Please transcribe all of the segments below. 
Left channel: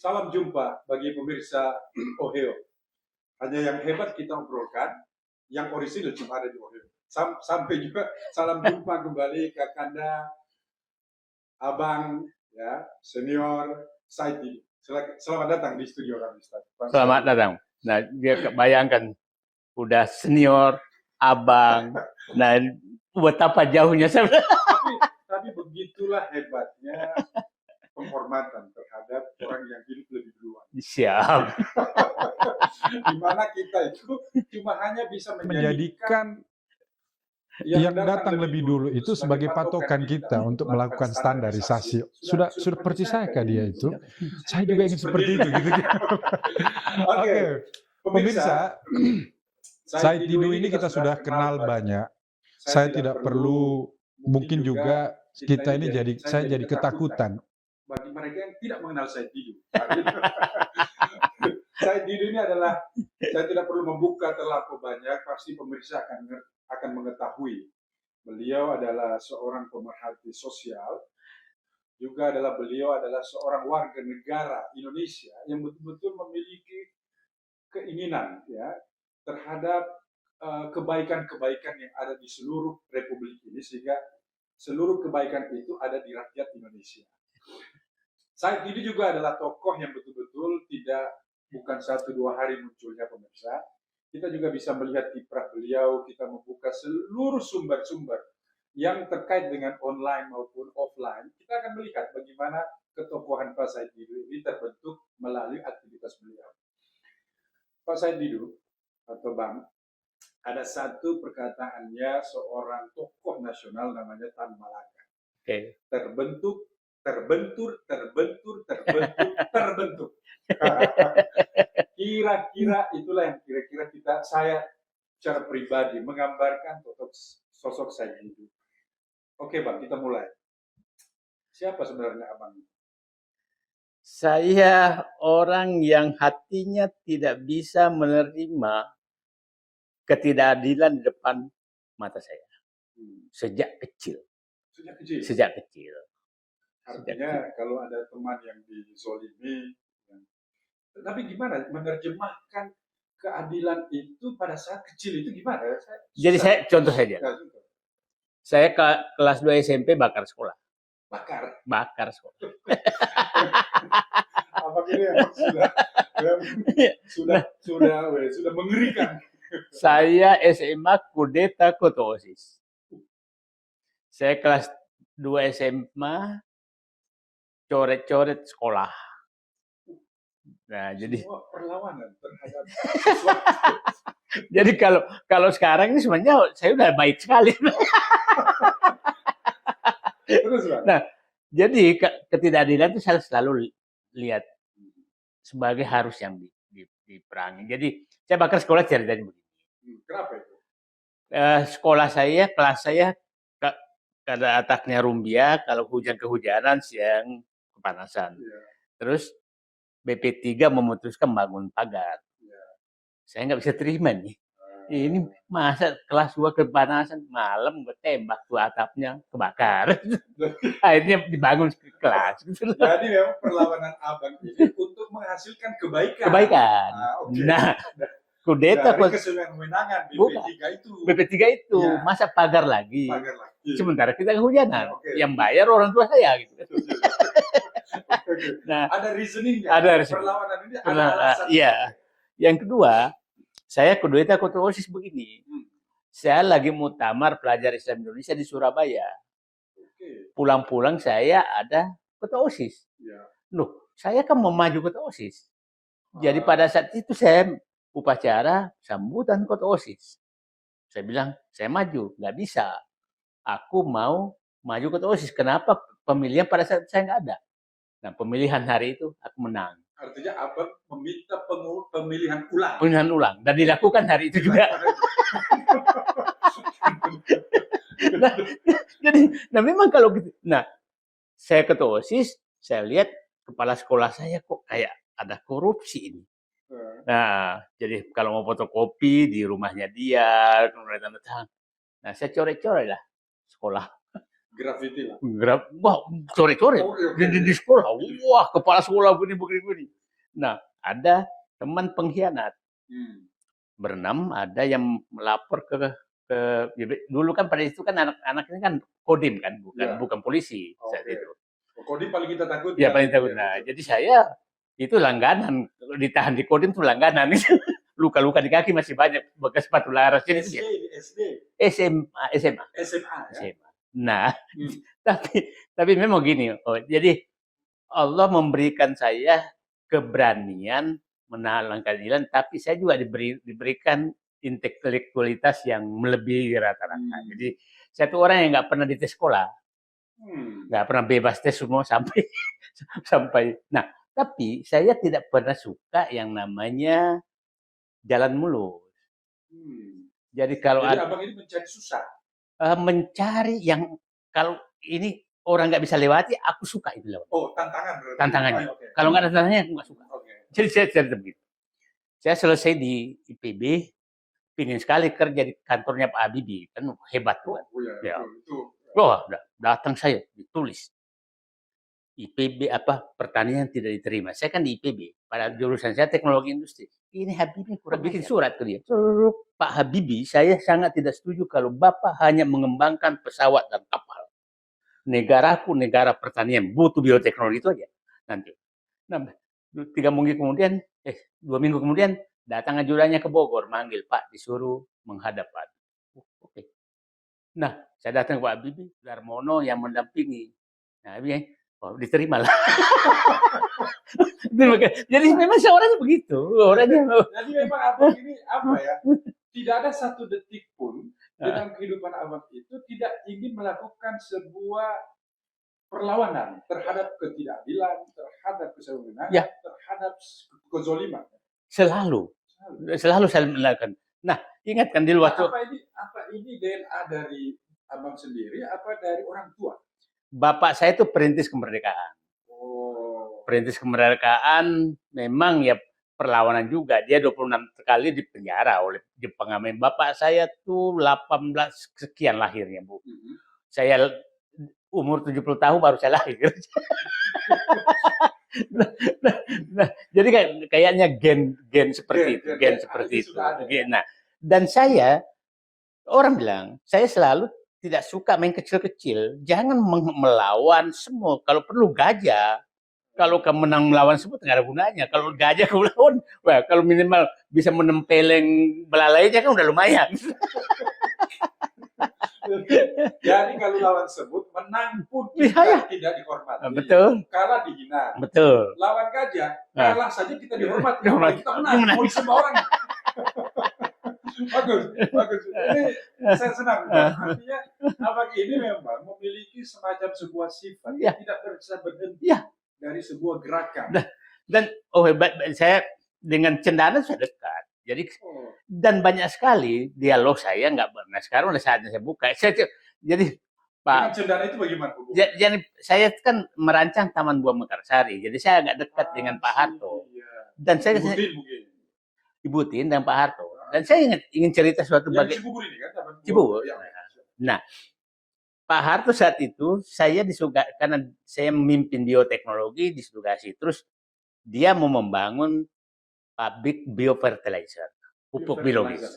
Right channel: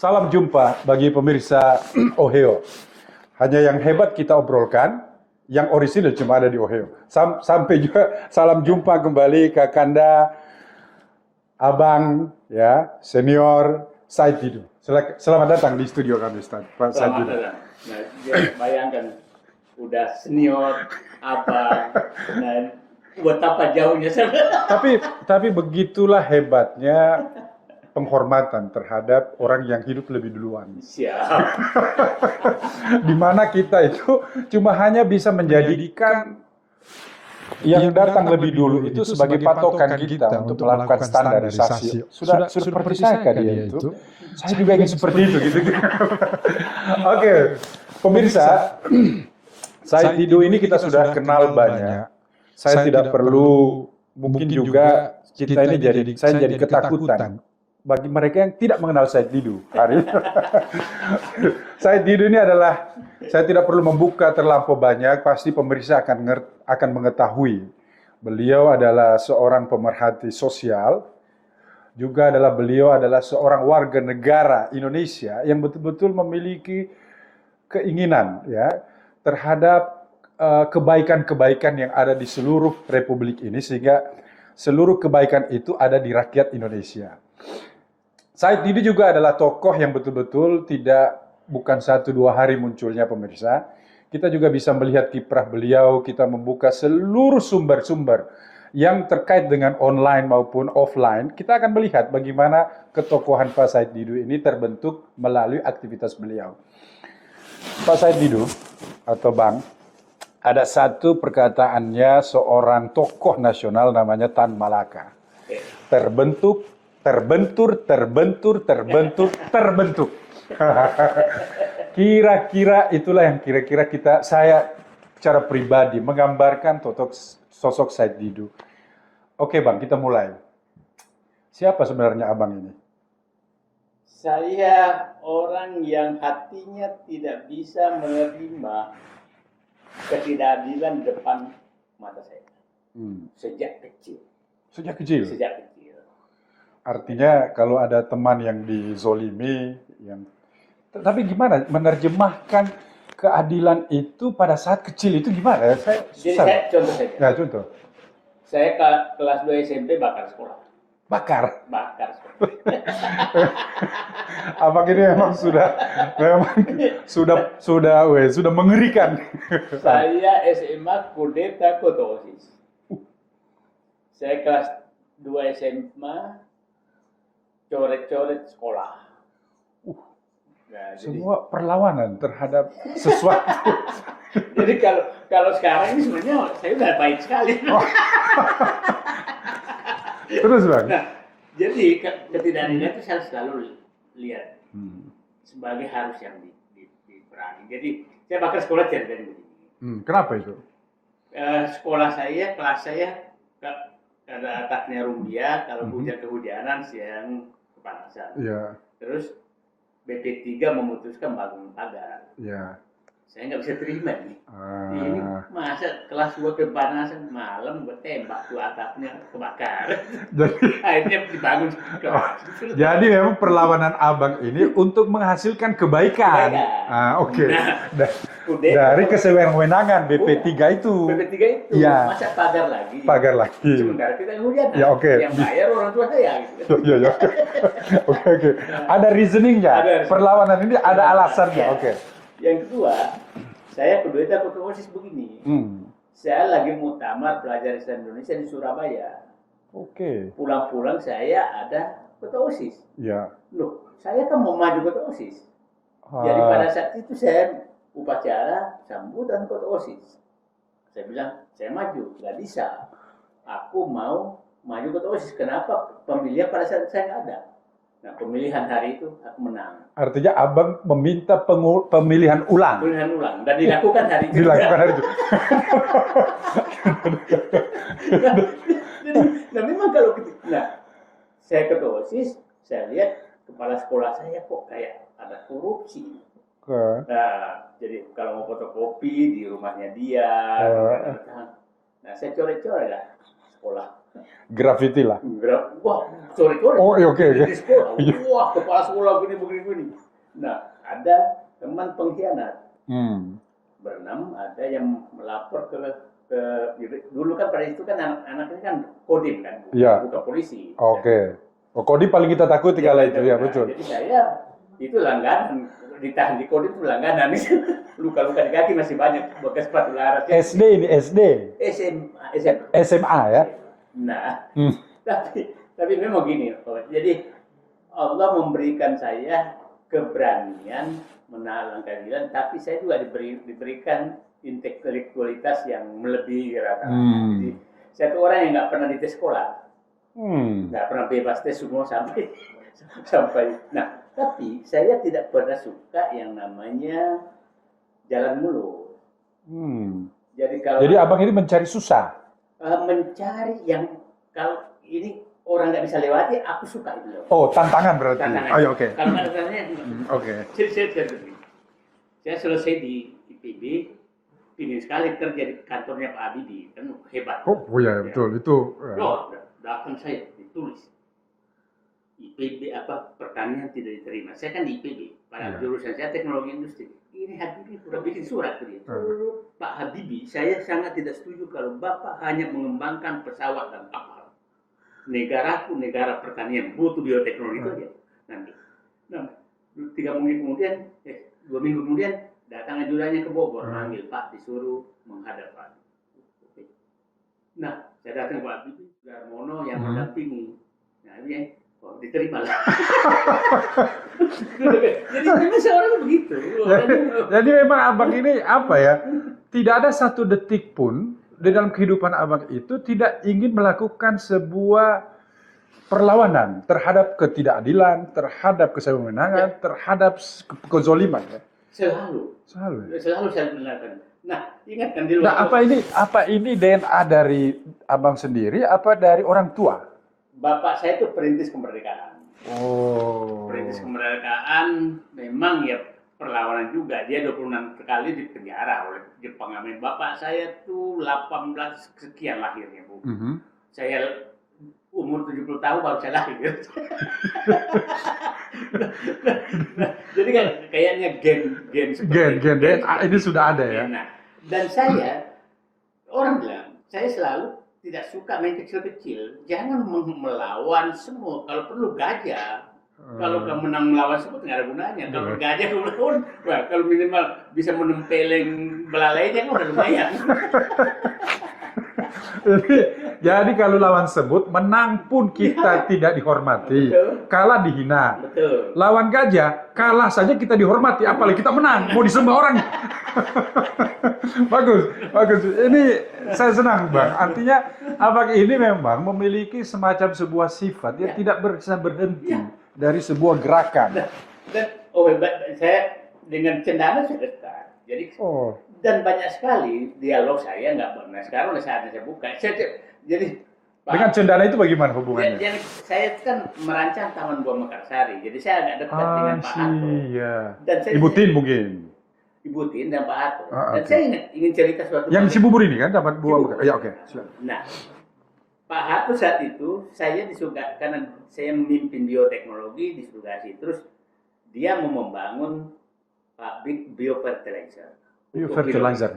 Salam jumpa bagi pemirsa Ohio. Hanya yang hebat kita obrolkan, yang orisinil cuma ada di Ohio. Sampai juga salam jumpa kembali ke Kanda, Abang, ya, senior, Said Didu. Selamat datang di studio kami, Ustaz. Selamat datang. Nah, dia bayangkan, udah senior, abang, nah betapa jauhnya sebenarnya. Tapi begitulah hebatnya penghormatan terhadap orang yang hidup lebih duluan. Siap. Di mana kita itu cuma hanya bisa menjadikan yang datang lebih dulu itu sebagai patokan kita untuk melakukan standarisasi. Sudah percaya dia itu? Saya juga ingin seperti itu. Oke, pemirsa, Said Didu ini kita sudah kenal banyak. Saya tidak perlu, mungkin juga kita ini saya jadi ketakutan bagi mereka yang tidak mengenal Said Didu. Said Didu ini adalah, saya tidak perlu membuka terlampau banyak, pasti pemirsa akan mengetahui. Beliau adalah seorang pemerhati sosial, juga beliau adalah seorang warga negara Indonesia yang betul-betul memiliki keinginan ya terhadap kebaikan-kebaikan yang ada di seluruh republik ini, sehingga seluruh kebaikan itu ada di rakyat Indonesia. Said Didu juga adalah tokoh yang betul-betul bukan 1-2 hari munculnya, pemirsa. Kita juga bisa melihat kiprah beliau, kita membuka seluruh sumber-sumber yang terkait dengan online maupun offline. Kita akan melihat bagaimana ketokohan Pak Said Didu ini terbentuk melalui aktivitas beliau. Pak Said Didu, atau Bang, ada satu perkataannya seorang tokoh nasional namanya Tan Malaka. Okay. Terbentur. Kira-kira itulah yang saya secara pribadi menggambarkan sosok Said Didu. Oke Bang, kita mulai. Siapa sebenarnya Abang ini? Saya orang yang hatinya tidak bisa menerima ketidakadilan depan mata saya. Sejak kecil. Sejak kecil? Sejak kecil. Artinya kalau ada teman yang dizolimi, tapi gimana menerjemahkan keadilan itu pada saat kecil itu gimana? Saya contoh saja. Ya, contoh. Saya kelas 2 SMP bakar sekolah. Bakar sekolah. Abang ini memang sudah mengerikan. Saya SMA kudeta ketua OSIS. Saya kelas 2 SMA coret-coret sekolah. Nah, jadi semua perlawanan terhadap sesuatu. Jadi kalau sekarang ini sebenarnya saya udah baik sekali. Terus Bang. Nah, jadi ketidakadilan itu saya selalu lihat sebagai harus yang diperangi. Jadi saya bakar sekolah tidak jadi. Kenapa itu? Sekolah saya, kelas saya kada ataknya rumbia, kalau hujan kehujanan, siang kepanasan. Ya. Terus BP3 memutuskan bangun pagar. Ya. Saya nggak bisa terima nih. Ini masa kelas 2 kepanasan, malam ketembak tuh atapnya kebakar. Akhirnya dibangun kelas. Jadi memang perlawanan Abang ini untuk menghasilkan kebaikan. Oke. Nah, dari kesewenang-wenangan BP3 itu. BP3 itu ya. Masa pagar lagi. Sementara kita kehujanan. Ya, yang bayar orang tua saya. Gitu. Ya. Oke. Nah, ada reasoningnya. Perlawanan ini ada alasannya. Ya. Oke. Yang kedua, saya kudeta ketua OSIS begini. Saya lagi muktamar pelajar Islam Indonesia di Surabaya. Oke. Pulang-pulang saya ada ketua OSIS. Ya. Loh, saya kan mau maju ketua OSIS. Jadi pada saat itu saya upacara sambutan ketua OSIS. Saya bilang, saya maju. Nggak bisa. Aku mau maju ketua OSIS. Kenapa? Pemilihan pada saat saya nggak ada. Nah, pemilihan hari itu aku menang. Artinya Abang meminta pemilihan ulang. Pemilihan ulang. Dan dilakukan hari itu. Nah, memang kalau gitu. Nah, saya ketua OSIS, saya lihat kepala sekolah saya kok kayak ada korupsi ini. Nah, jadi kalau mau fotokopi di rumahnya dia. Nah, saya coret-coret lah sekolah. Graffiti lah. Wah, sore-sore Oh, iya, oke. di sekolah. Wah, kepala sekolah begini. Nah, ada teman pengkhianat. Berenam, ada yang melapor dulu kan pada itu kan anak-anak ini kan kodim kan, bukan polisi. Oke. Oh, Kodim paling kita takuti Ya, kalau paling itu, takuti. ya Nah, betul. jadi saya itu langganan, ditahan di kodim itu langganan. Luka-luka di kaki masih banyak, bekas sepatu laras. SD ini, SD. SMA. SMA ya? Nah, tapi memang gini, jadi Allah memberikan saya keberanian menahan keadilan, tapi saya juga diberikan intelektualitas yang melebihi rata-rata. Jadi saya tuh orang yang nggak pernah dites sekolah, nggak pernah bebas tes semua sampai. Nah, tapi saya tidak pernah suka yang namanya jalan mulus. Jadi abang ini mencari susah. Mencari yang kalau ini orang nggak bisa lewati, aku suka itu loh. Oh, tantangan berarti. Tantangan. Oh, oke. Kalau nggak ada tantangannya, Oke. Jadi saya selesai di IPB, pingin sekali kerja di kantornya Pak Habibie, kan hebat. Oh iya, betul itu. Oh, datang saya ditulis IPB pertanian tidak diterima. Saya kan di IPB, pada jurusan saya teknologi industri. Ini Habibie pernah bikin surat ke dia. Pak Habibie, saya sangat tidak setuju kalau Bapak hanya mengembangkan pesawat dan kapal. Negaraku negara pertanian, butuh bioteknologi itu aja. Nanti. Nah, 2 minggu kemudian datang ajudannya ke Bogor, manggil Pak, disuruh menghadap Pak. Oke. Nah, saya datang ke Pak Habibie, Darmono yang mendampingi. Nah, diterima lah. Jadi memang seorang begitu. Jadi memang abang ini apa ya? Tidak ada satu detik pun di dalam kehidupan abang itu tidak ingin melakukan sebuah perlawanan terhadap ketidakadilan, terhadap kesewenang-wenangan, terhadap kezoliman. Ya? Selalu saya melakukan. Nah, ingatkan di luar. Nah, apa ini DNA dari abang sendiri? Apa dari orang tua? Bapak saya itu perintis kemerdekaan. Perintis kemerdekaan memang ya perlawanan juga. Dia 26 kali di penjara oleh Jepang. Bapak saya tuh 18 sekian lahirnya, Bu. Saya umur 70 tahun baru saya lahir. Jadi kayaknya gen seperti ini sudah ada ya. Nah, dan saya orang bilang, saya selalu tidak suka main kecil-kecil. Jangan melawan semua. Kalau perlu gajah. Kalau kamu menang melawan semua, tidak ada gunanya. Kalau gajah kamu lawan, kalau minimal bisa menempeleng belalai aja kan udah lumayan. Jadi kalau lawan sebut, menang pun kita tidak dihormati. Betul. Kalah dihina. Betul. Lawan gajah, kalah saja kita dihormati. Apalagi kita menang, mau disembah orang. Bagus. Ini saya senang, Bang. Artinya, abang ini memang memiliki semacam sebuah sifat yang tidak bisa berhenti dari sebuah gerakan. Dan saya dengan cendana saya dekat. Jadi dan banyak sekali dialog saya nggak pernah. Sekarang udah saatnya saya buka. Jadi Pak, dengan cendana itu bagaimana hubungannya? Jadi saya kan merancang Taman Buah Mekarsari. Jadi saya agak dekat dengan Pak Harto. Iya. Dan saya Ibu Tin dan Pak Harto. Dan saya ingin cerita suatu yang di Cibubur ini kan Taman Buah. Ya, oke. Nah, Pak Harto saat itu saya disuka karena saya memimpin bioteknologi di Sugasi. Terus dia mau membangun pabrik biofertilizer. Biofertilizer.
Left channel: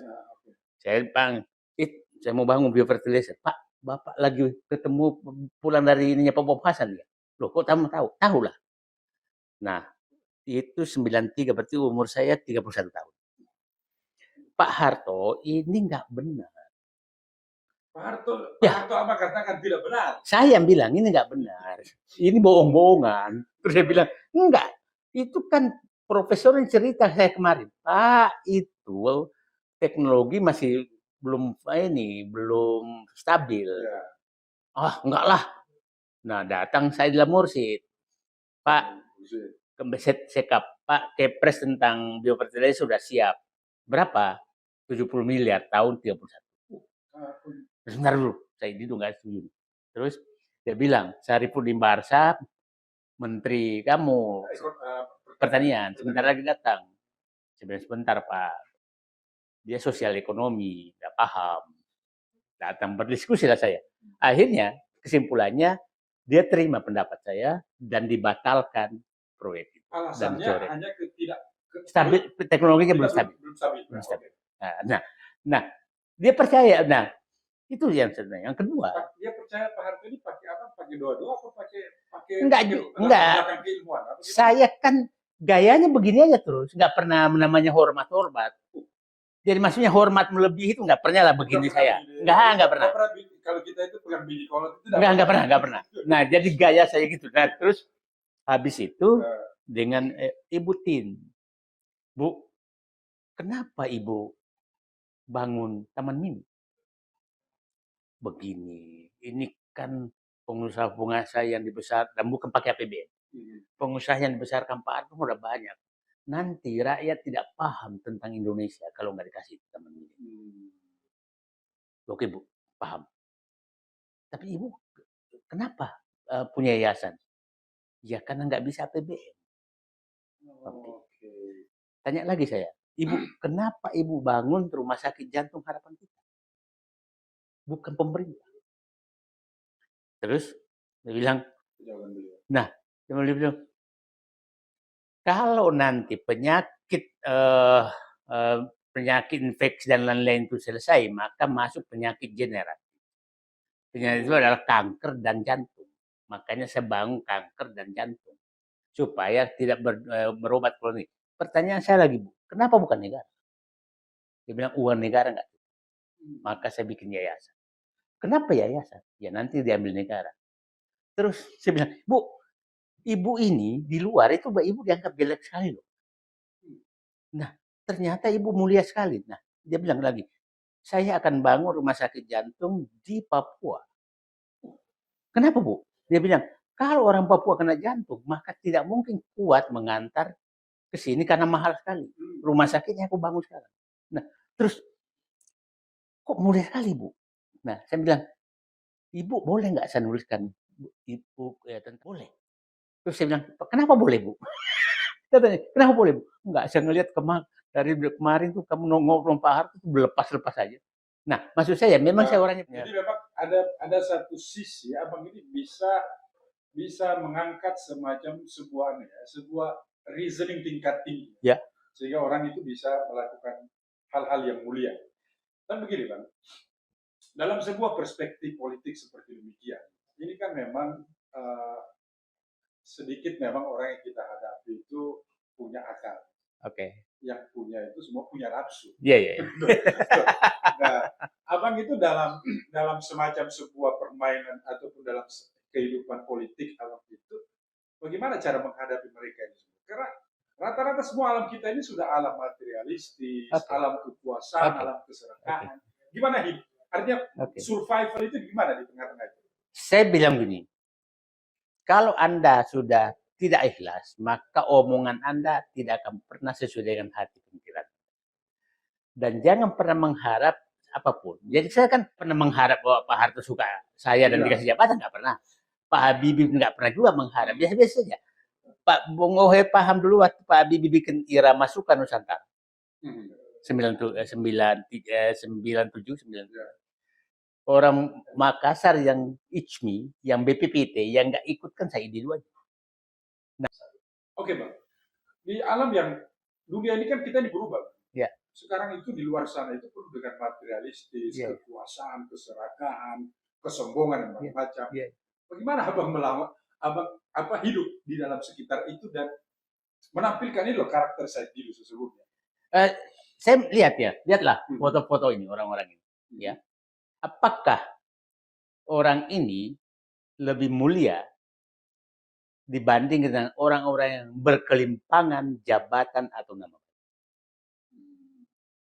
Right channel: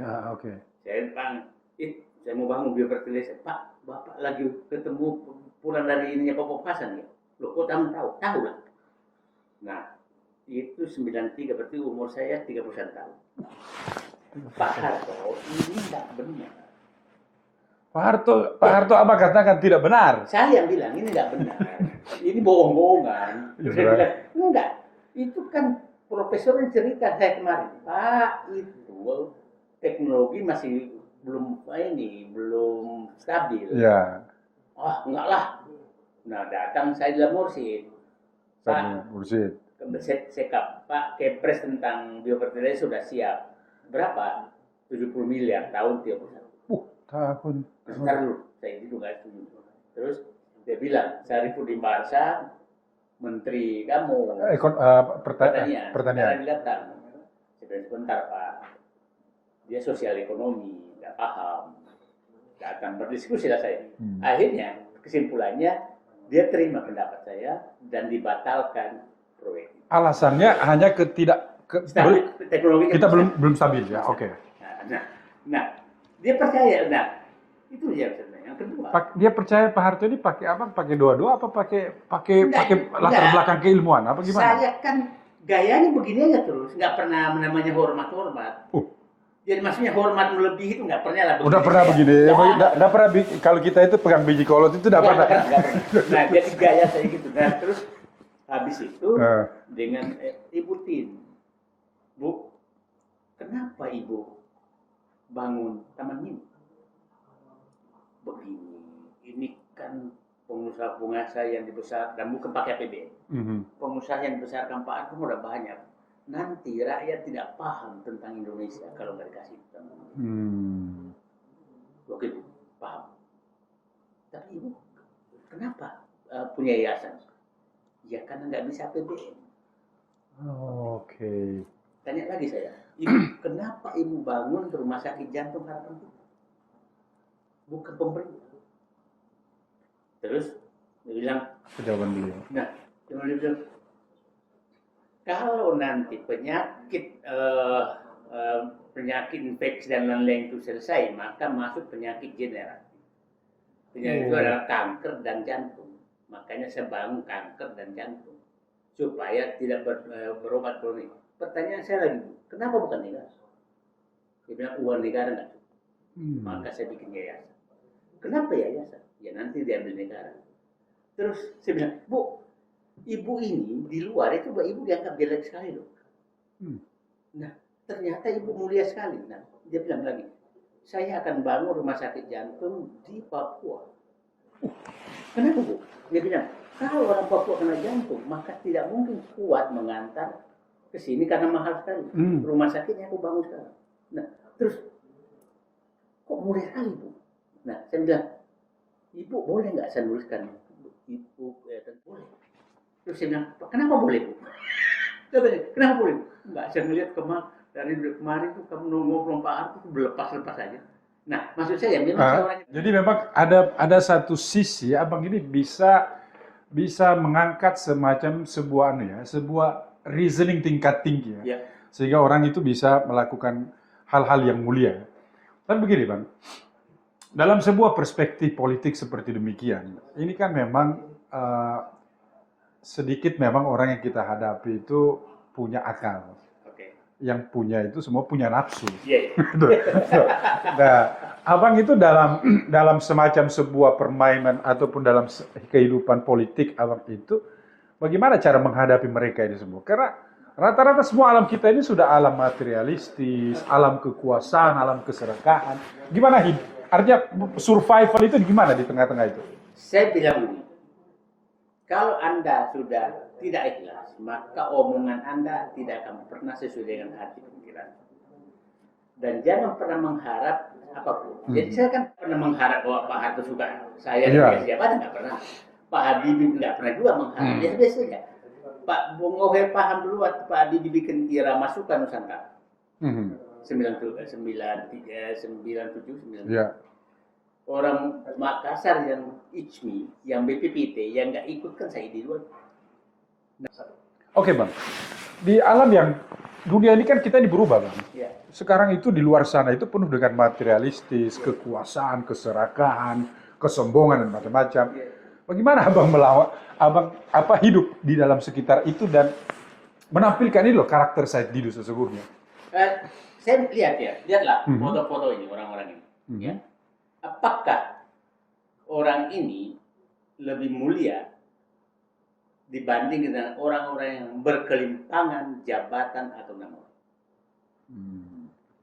Saya mau bangun biofertilizer. Pak, Bapak lagi ketemu pulang dari ininya Pak Hasan ya. Loh, kok kamu tahu? Tahu lah. Nah, itu 93 berarti umur saya 31 tahun. Pak Harto ini nggak benar. Pak Harto apa katakan tidak benar? Saya bilang ini nggak benar. Ini bohong-bohongan. Terus saya bilang, enggak. Itu kan profesor yang cerita saya kemarin. Pak, itu teknologi masih belum stabil. Ya. Enggak lah. Nah, datang saya di Mursid. Pak, Mursid. Sekap, Pak, Kepres tentang biofertilizer sudah siap. Berapa? 70 miliar tahun 31. Tahun. Sebentar dulu, saya itu nggak setuju. Terus dia bilang, Sarifudin Barsad, Menteri kamu pertanian, sebentar lagi datang. Sebentar Pak, dia sosial ekonomi, nggak paham. Datang berdiskusi lah saya. Akhirnya kesimpulannya dia terima pendapat saya dan dibatalkan proyek itu. Alasannya hanya Teknologi kita belum stabil ya. Oke. Nah, dia percaya. Nah, itu yang sebenarnya. Yang kedua, Dia percaya Pak Harto ini pakai apa? Pakai doa-doa apa pakai Enggak. latar belakang keilmuan apa gimana? Saya kan gayanya begini aja terus, nggak pernah namanya hormat-hormat. Jadi maksudnya hormat melebihi itu nggak pernah lah begini. Udah pernah begini? Nggak pernah. Kalau kita itu pegang biji kolot itu Nggak pernah. Nah, jadi gaya saya gitu. Nah, terus habis itu dengan Ibu Tin, Bu, kenapa Ibu bangun Taman Mini? Begini, ini kan pengusaha-pengusaha yang dibesar dan bukan pakai APBN. Pengusaha yang dibesarkan Pak Harto udah banyak. Nanti rakyat tidak paham tentang Indonesia kalau nggak dikasih Taman Mini. Oke Bu, paham. Tapi Ibu kenapa punya yayasan? Ya karena nggak bisa APBN. Oke. Tanya lagi saya, Ibu kenapa Ibu bangun rumah sakit jantung harapan kita? Bukan pemerintah. Terus dia bilang, jawaban beliau. Nah, dia bilang, kalau nanti penyakit infeksi dan lain-lain itu selesai, maka masuk penyakit generatif. Penyakit itu adalah kanker dan jantung. Makanya saya bangun kanker dan jantung supaya tidak berobat kronik. Pertanyaan saya lagi, kenapa bukan negara? Dia bilang uang negara nggak cukup. Maka saya bikin yayasan. Kenapa yayasan? Ya nanti diambil negara. Terus saya bilang, Bu, Ibu ini di luar itu Ibu dianggap jelek sekali loh. Nah, ternyata Ibu mulia sekali. Nah, dia bilang lagi, saya akan bangun rumah sakit jantung di Papua. Kenapa Bu? Dia bilang, kalau orang Papua kena jantung, maka tidak mungkin kuat mengantar ke sini karena mahal sekali. Rumah sakitnya aku bangun sekarang. Nah, terus kok mulia sekali Bu? Nah, saya bilang, Ibu boleh nggak saya nuliskan? Ibu, ya tentu boleh. Terus saya bilang, kenapa boleh Bu? Katanya, kenapa boleh Bu? Enggak, saya ngelihat dari kemarin tuh kamu ngobrol Pak Harto lepas-lepas aja. Nah, maksud saya memang saya orangnya. Jadi memang ada satu sisi abang ini bisa mengangkat semacam sebuah reasoning tingkat tinggi ya. Sehingga orang itu bisa melakukan hal-hal yang mulia. Tapi begini Bang, dalam sebuah perspektif politik seperti demikian, ini kan memang sedikit memang orang yang kita hadapi itu punya akal. Yang punya itu semua punya nafsu. Nah, abang itu dalam semacam sebuah permainan ataupun dalam kehidupan politik abang itu, bagaimana cara menghadapi mereka ini semua? Karena rata-rata semua alam kita ini sudah alam materialistis, alam kekuasaan, alam keserakahan. Gimana hidup? Artinya survival itu gimana di tengah-tengah itu? Saya bilang gini, kalau Anda sudah tidak ikhlas, maka omongan Anda tidak akan pernah sesuai dengan hati pikiran. Dan jangan pernah mengharap apapun. Jadi saya kan pernah mengharap bahwa Pak Harto suka saya dan dikasih jabatan, nggak pernah. Pak Habibie nggak pernah juga mengharap, biasa-biasa saja. Pak Bung Ohe paham dulu waktu Pak Habibie bikin irama suka Nusantara. 97. Orang Makassar yang ICMI, yang BPPT, yang nggak ikut kan saya di luar. Oke Bang, di alam yang dunia ini kan kita berubah Bang. Sekarang itu di luar sana itu penuh dengan materialistis, kekuasaan, keserakahan, kesombongan dan macam-macam. Bagaimana abang hidup di dalam sekitar itu dan menampilkan ini loh karakter Said Didu sesungguhnya? Saya lihatlah foto-foto ini orang-orang ini. Ya. Apakah orang ini lebih mulia dibanding dengan orang-orang yang berkelimpangan jabatan atau nama?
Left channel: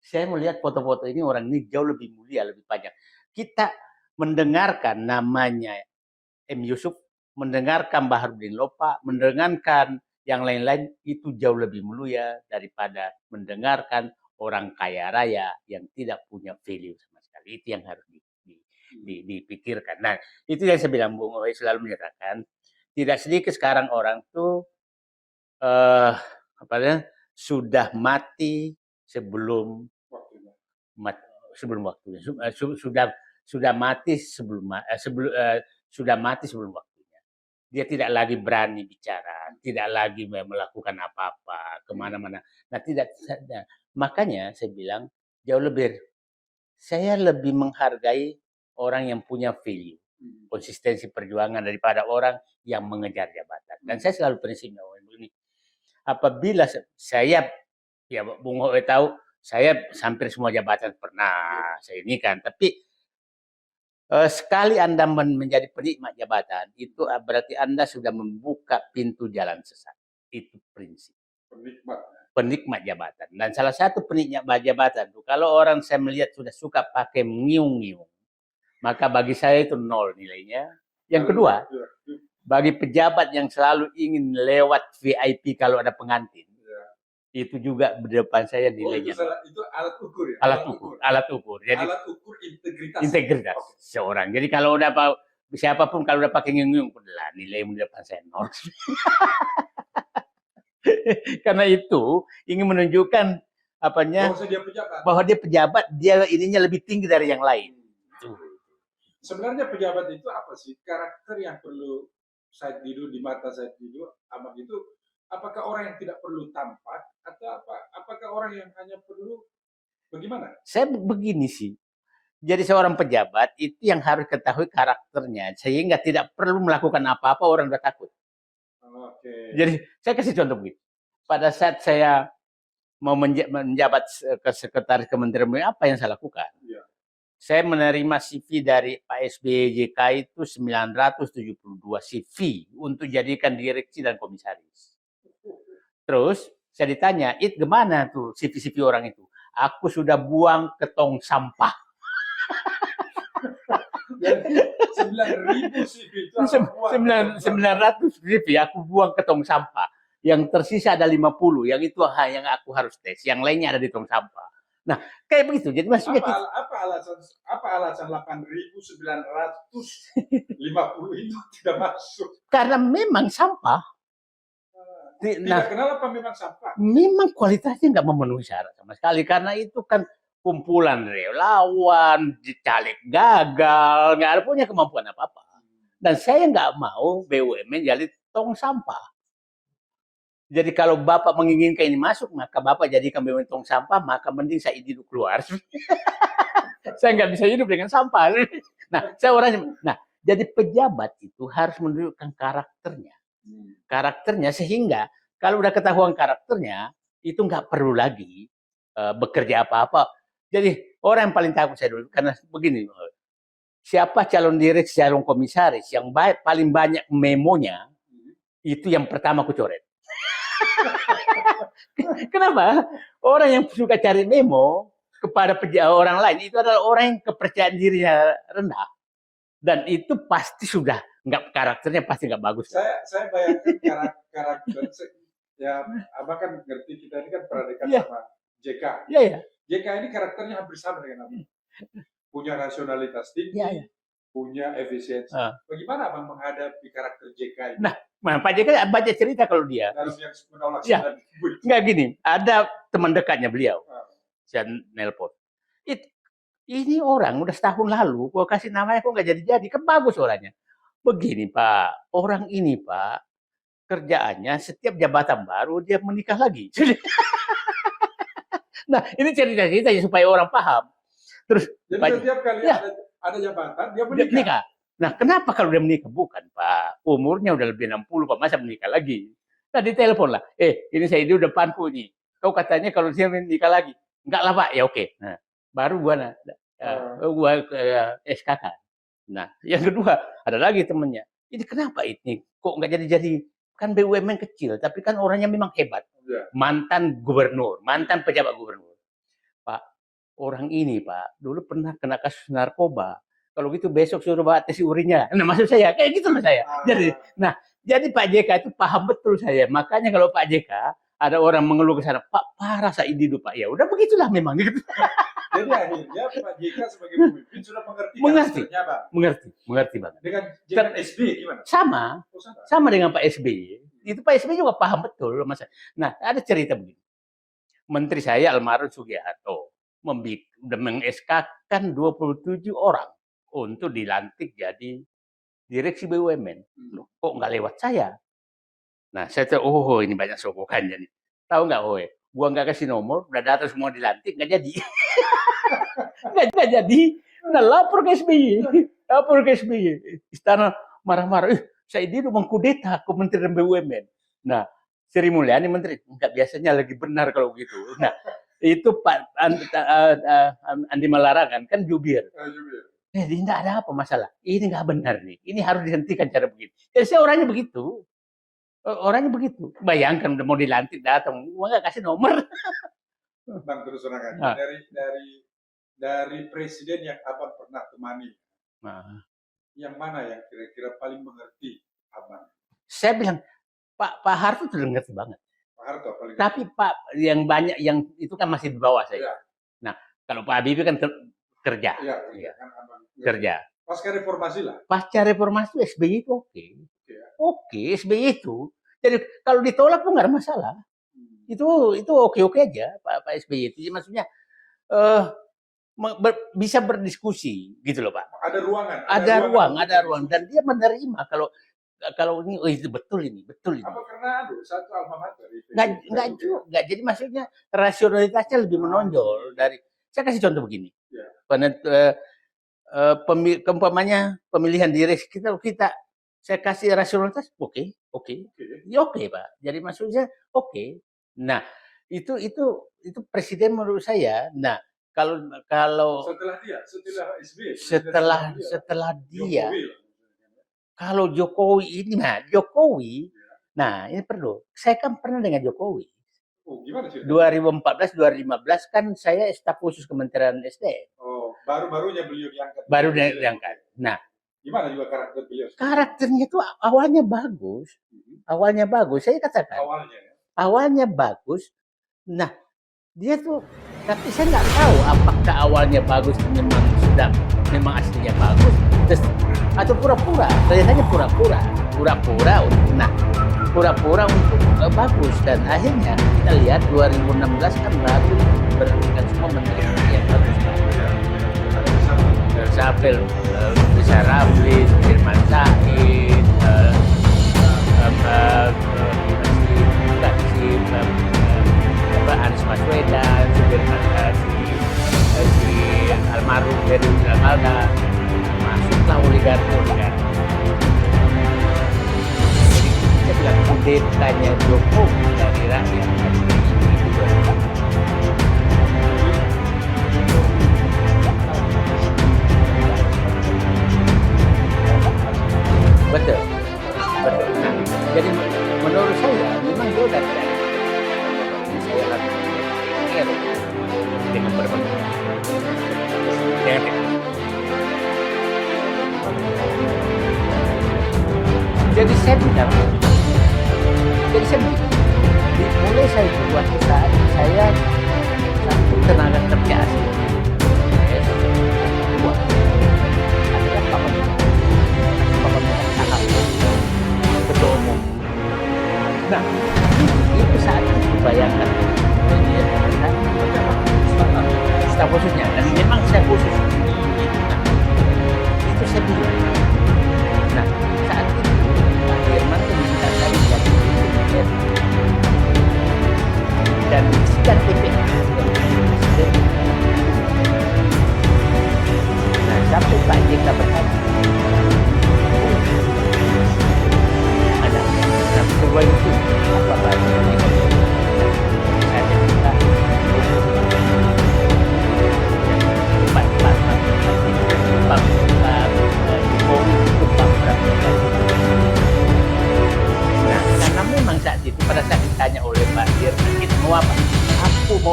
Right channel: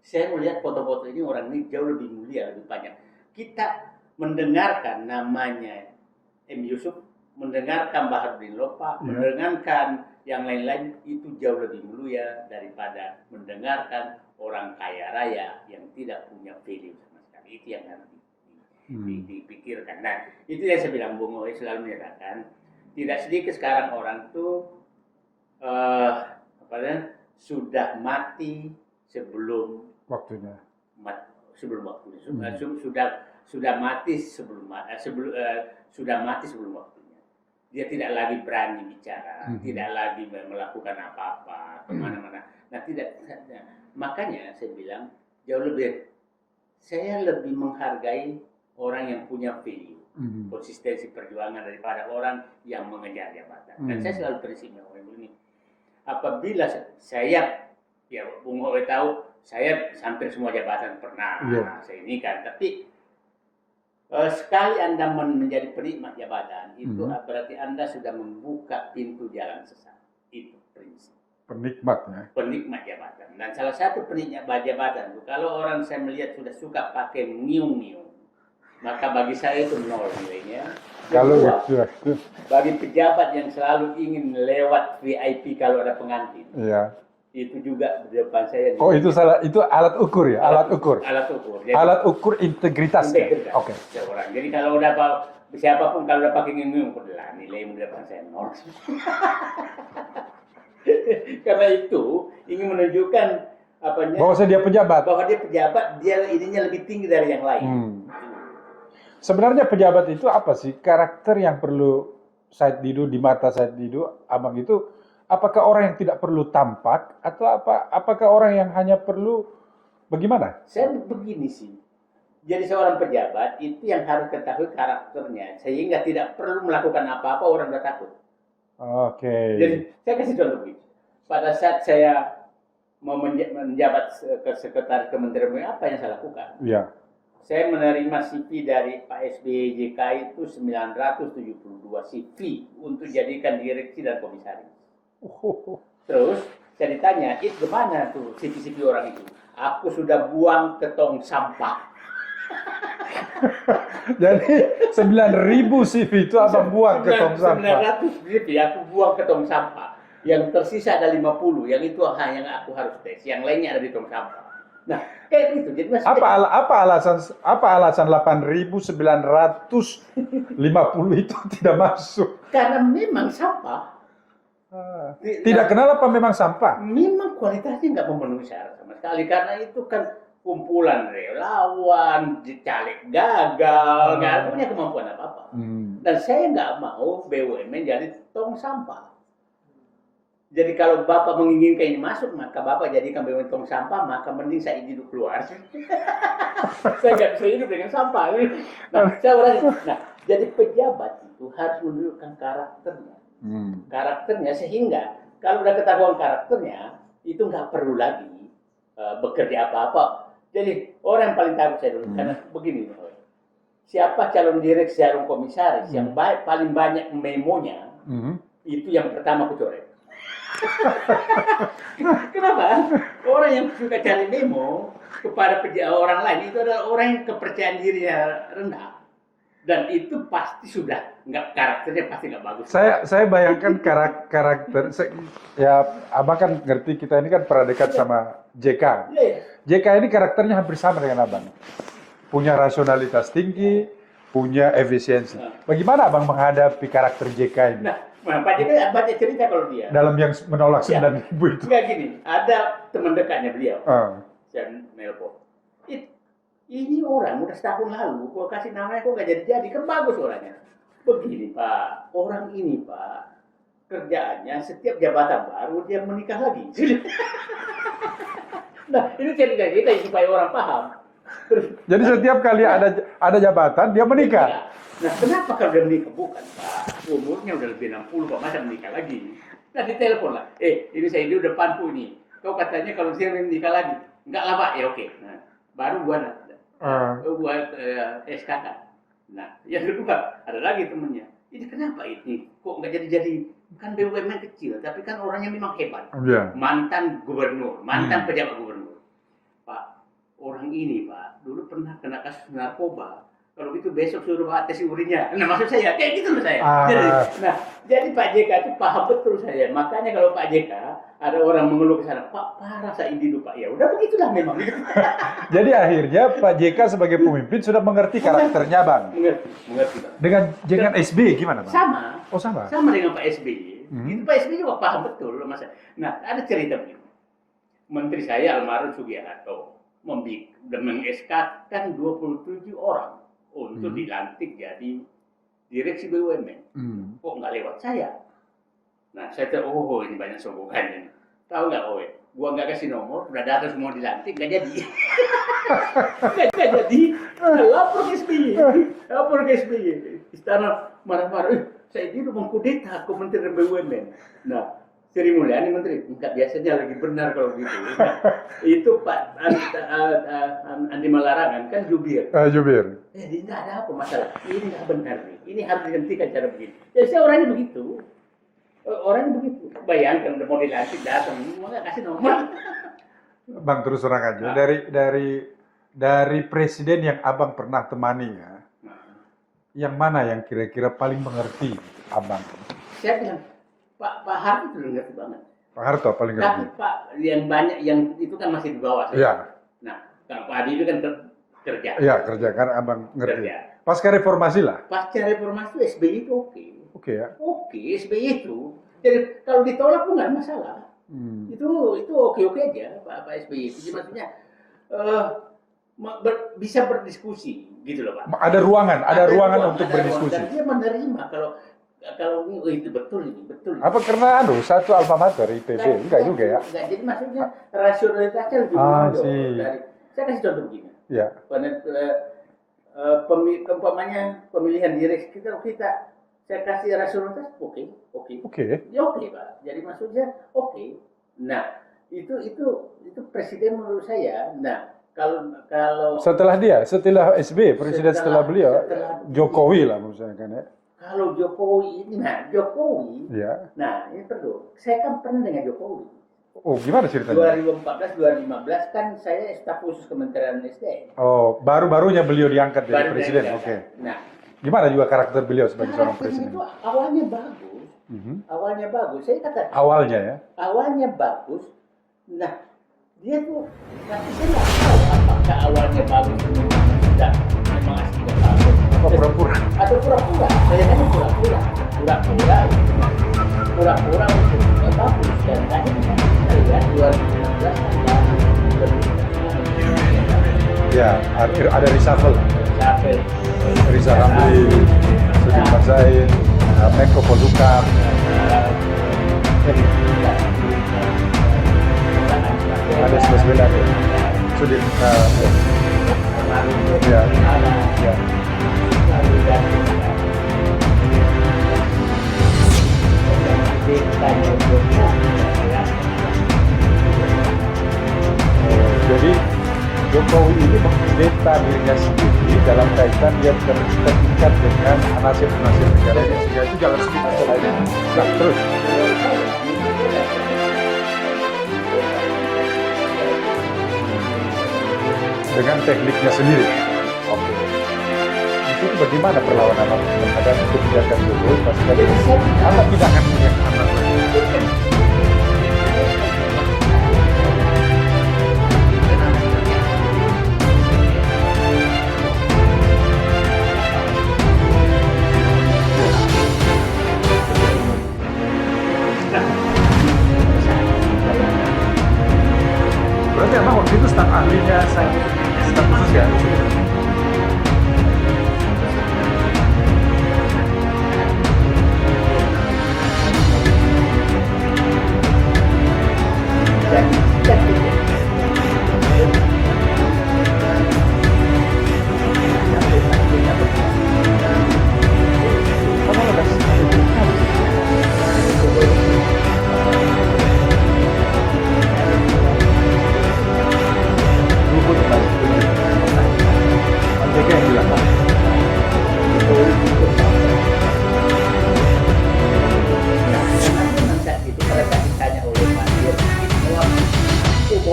Saya melihat foto-foto ini orang ini jauh lebih mulia, lebih banyak. Kita mendengarkan namanya M. Yusuf, mendengarkan Baharudin Lopa, mendengarkan yang lain-lain itu jauh lebih mulia daripada mendengarkan orang kaya raya yang tidak punya value sama sekali. Itu yang harus dipikirkan. Nah, itu yang saya bilang Bung Ohe selalu menyatakan, tidak sedikit sekarang orang tuh sudah mati sebelum waktunya. Sudah mati sudah mati sebelum waktunya. Dia tidak lagi berani bicara, tidak lagi melakukan apa-apa kemana-mana. Nah, tidak. Makanya saya bilang saya lebih menghargai orang yang punya value, konsistensi perjuangan daripada orang yang mengejar jabatan. Dan saya selalu prinsipnya ini. Apabila ya Bung Hoe tahu, saya hampir semua jabatan pernah saya ini kan, tapi sekali Anda menjadi penikmat jabatan, itu berarti Anda sudah membuka pintu jalan sesat. Itu prinsip. Penikmat jabatan. Dan salah satu penikmat jabatan itu, kalau orang saya melihat sudah suka pakai ngiung-ngiung, maka bagi saya itu 0 nilainya. Yang kedua, bagi pejabat yang selalu ingin lewat VIP kalau ada pengantin, itu juga di depan saya. Oh, itu salah, itu alat ukur ya? Alat ukur. Jadi, alat ukur integritas. Integritas seorang. Jadi kalau udah siapapun kalau udah pakai ngiung-ngiung, nilai di depan saya 0. Karena itu ingin menunjukkan bahwa dia pejabat, dia ininya lebih tinggi dari yang lain. Sebenarnya pejabat itu apa sih? Karakter yang perlu Said Didu, di mata Said Didu, Abang itu, apakah orang yang tidak perlu tampak atau apakah orang yang hanya perlu bagaimana? Saya begini sih. Jadi seorang pejabat itu yang harus ketahui karakternya sehingga tidak perlu melakukan apa-apa orang udah takut. Jadi saya kasih contoh begini. Pada saat saya mau menjabat ke sekretaris Kementerian BUMN, apa yang saya lakukan? Saya menerima CV dari Pak SBY JK itu 972 CV untuk jadikan direksi dan komisaris. Terus saya ditanya, gimana tuh CV-CV orang itu? Aku sudah buang ke tong sampah. Jadi 9.000 CV itu Abang buang ke tong sampah. 900 CV aku buang ke tong sampah. Yang tersisa ada 50, yang itu yang aku harus tes. Yang lainnya ada di tong sampah. Nah, kayak begitu. Jadi apa alasan 8.950 itu tidak masuk? Karena memang sampah. Tidak kenal apa memang sampah? Memang kualitasnya nggak memenuhi syarat sama sekali. Karena itu kan kumpulan relawan, caleg gagal, nggak punya kemampuan apa-apa. Dan saya nggak mau BUMN jadi tong sampah. Jadi kalau Bapak menginginkan ini masuk, maka Bapak jadikan BUMN tong sampah, maka mending saya hidup keluar. Saya nggak bisa hidup dengan sampah. Nah, jadi pejabat itu harus menunjukkan karakternya. Karakternya sehingga kalau udah ketahuan karakternya, itu nggak perlu lagi bekerja apa-apa. Jadi orang yang paling takut saya dulu, karena begini, siapa calon direksi, calon komisaris yang paling banyak memonya, itu yang pertama aku coret. Kenapa? Orang yang suka cari memo kepada orang lain itu adalah orang yang kepercayaan dirinya rendah, dan itu pasti sudah karakternya pasti nggak bagus. Saya bayangkan karakter ya Abang kan ngerti, kita ini kan pernah dekat sama JK. JK ini karakternya hampir sama dengan Abang. Punya rasionalitas tinggi, punya efisiensi. Bagaimana Abang menghadapi karakter JK ini? Nah, Pak JK baca cerita kalau dia. Dalam yang menolak 9.000 itu. Nggak gini, ada teman dekatnya beliau. Saya nelpon. Ini orang udah setahun lalu, gua kasih namanya kok nggak jadi-jadi, kan bagus orangnya. Begini Pak, orang ini Pak, kerjaannya setiap jabatan baru dia menikah lagi. Nah, ini cerita-cerita supaya orang paham. Terus, jadi setiap kali ada jabatan dia menikah. Nah, kenapa kalau dia menikah? Bukan Pak, umurnya udah lebih 60 Pak, masa menikah lagi? Nah, ditelepon lah, ini saya di depanku ini. Kau katanya kalau dia menikah lagi? Enggak lah Pak, ya oke. Nah, baru gua SKK. Nah, yang kedua, ada lagi temennya. Ini kenapa ini? Kok nggak jadi-jadi? Kan BUMN kecil, tapi kan orangnya memang hebat. Mantan gubernur, mantan pejabat gubernur. Pak, orang ini Pak, dulu pernah kena kasus narkoba. Kalau gitu besok suruh bawa tes urinnya. Nah, maksud saya, kayak gitu loh saya. Jadi Pak JK itu paham betul saya. Makanya kalau Pak JK, ada orang mengeluh ke sana, Pak, parah Said Didu Pak. Ya udah begitulah memang. Jadi akhirnya Pak JK sebagai pemimpin sudah mengerti karakternya Bang. Mengerti Bang. Dengan SBY gimana Bang? Sama. Oh sama. Sama dengan Pak SBY. Itu Pak SBY juga paham betul Mas. Nah, ada cerita begini. Menteri saya almarhum Sugiharto meng-SK kan 27 orang untuk dilantik jadi direksi BUMN. Kok nggak lewat saya? Nah, saya tahu, oh ini banyak sogokannya nih. Tahu nggak, oh gua nggak kasih nomor, udah datang semua dilantik, nggak jadi. nggak jadi. Nah, lapor ke SBY. Istana marah-marah, saya ini udah mengkudeta Kementerian BUMN. Nah, Sri Mulyani Menteri, nggak biasanya lagi benar kalau gitu. Nah, itu Pak Andi Malarangan kan jubir. Jubir. Ini nggak ada apa masalah. Ini nggak benar nih. Ini harus dihentikan cara begini. Ya saya orangnya begitu. Bayangkan udah mau dilantik datang, nggak kasih nomor. Bang, terus terang aja. Dari presiden yang abang pernah temani ya, yang mana yang kira-kira paling mengerti abang? Saya bilang Pak Harto itu ngerti banget. Pak Harto paling ngerti. Tapi Pak yang banyak yang itu kan masih di bawah saya. Iya. Nah, kalau Pak Habibie kan kerja. Iya, kerja kan abang ngerti. Kerja. Pasca reformasi lah. Pasca reformasi itu SBY itu oke. Oke ya. Oke, SBY itu. Jadi kalau ditolak pun nggak ada masalah. Itu oke aja Pak SBY itu. Jadi maksudnya bisa berdiskusi gitu loh Pak. Ada ruangan untuk ada ruang. berdiskusi. Dan dia menerima kalau ini itu betul ini. Apa karena satu alma mater ITB? Enggak juga ya? Enggak, jadi maksudnya rasionalitasnya lebih menonjol dari. Saya kasih contoh begini. Ya. Pemilihan direksi kita saya kasih rasionalitas oke. Ya oke Pak. Jadi maksudnya oke. Nah itu presiden menurut saya. Nah kalau setelah SBY presiden setelah beliau Jokowi lah maksudnya kan ya. Kalau Jokowi ini, ya. Nah ini perlu. Saya kan pernah dengan Jokowi. Oh, gimana ceritanya? 2014, 2015 kan saya staf khusus Kementerian SDM. Oh, baru-barunya beliau diangkat jadi presiden. Oke. Nah, gimana juga karakter beliau sebagai karakternya itu awalnya bagus. Awalnya bagus. Saya katakan. Awalnya ya. Awalnya bagus. Nah, dia tuh, tapi saya nggak tahu apakah awalnya bagus memang aslinya bagus. Pura-pura. Atau pura-pura. Saya hanya pura-pura. Nah, pura-pura untuk bagus. Dan akhirnya kita lihat 2016 kan baru berhubungan semua menteri. Ya, ada reshuffle. Bisa Rafi, Firman Sari, Menko Polhukam, Anies Baswedan, Maruf, masuklah oligarki. Dan tanya Jokowi, jadi Jokowi ini mengkudeta dirinya sendiri dalam kaitan yang terikat dengan nasib-nasib itu dalam sebuah jalan. Jadi terus, menurut saya, dengan tekniknya sendiri. Itu bagaimana perlawanan terhadap kebijakan Jokowi? Jadi saya tidak akan tenaga kerja. Nah, itu saya bayangkan. Berarti apa waktu itu staf ahlinya Saya maksudnya, memang saya khusus. Itu saya bilang. Nah, saat itu dan sudah tidak bukan kita benar.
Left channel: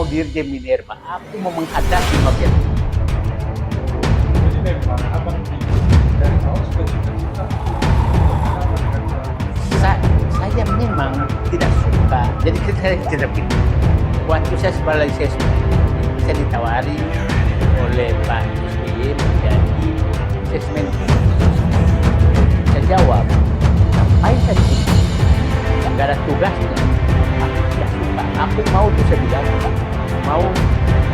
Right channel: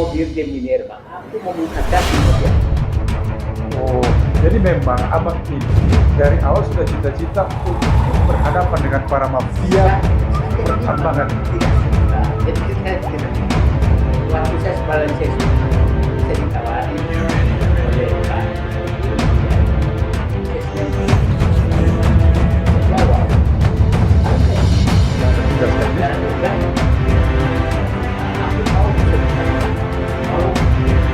Dirjen Minerba, aku mau menghadapi bagian. Oh, jadi memang abang ini dari awal sudah cita-cita untuk berhadapan dengan para mafia. Saya memang tidak suka. Jadi saya tidak begini. Waktu saya sebagai saya ditawari oleh Pak SBY menjadi asisten. Saya jawab, ayo saya segala tugasnya. Aku mau bisa dibantu. Mau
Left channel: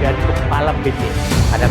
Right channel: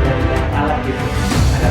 dan kepala BP ada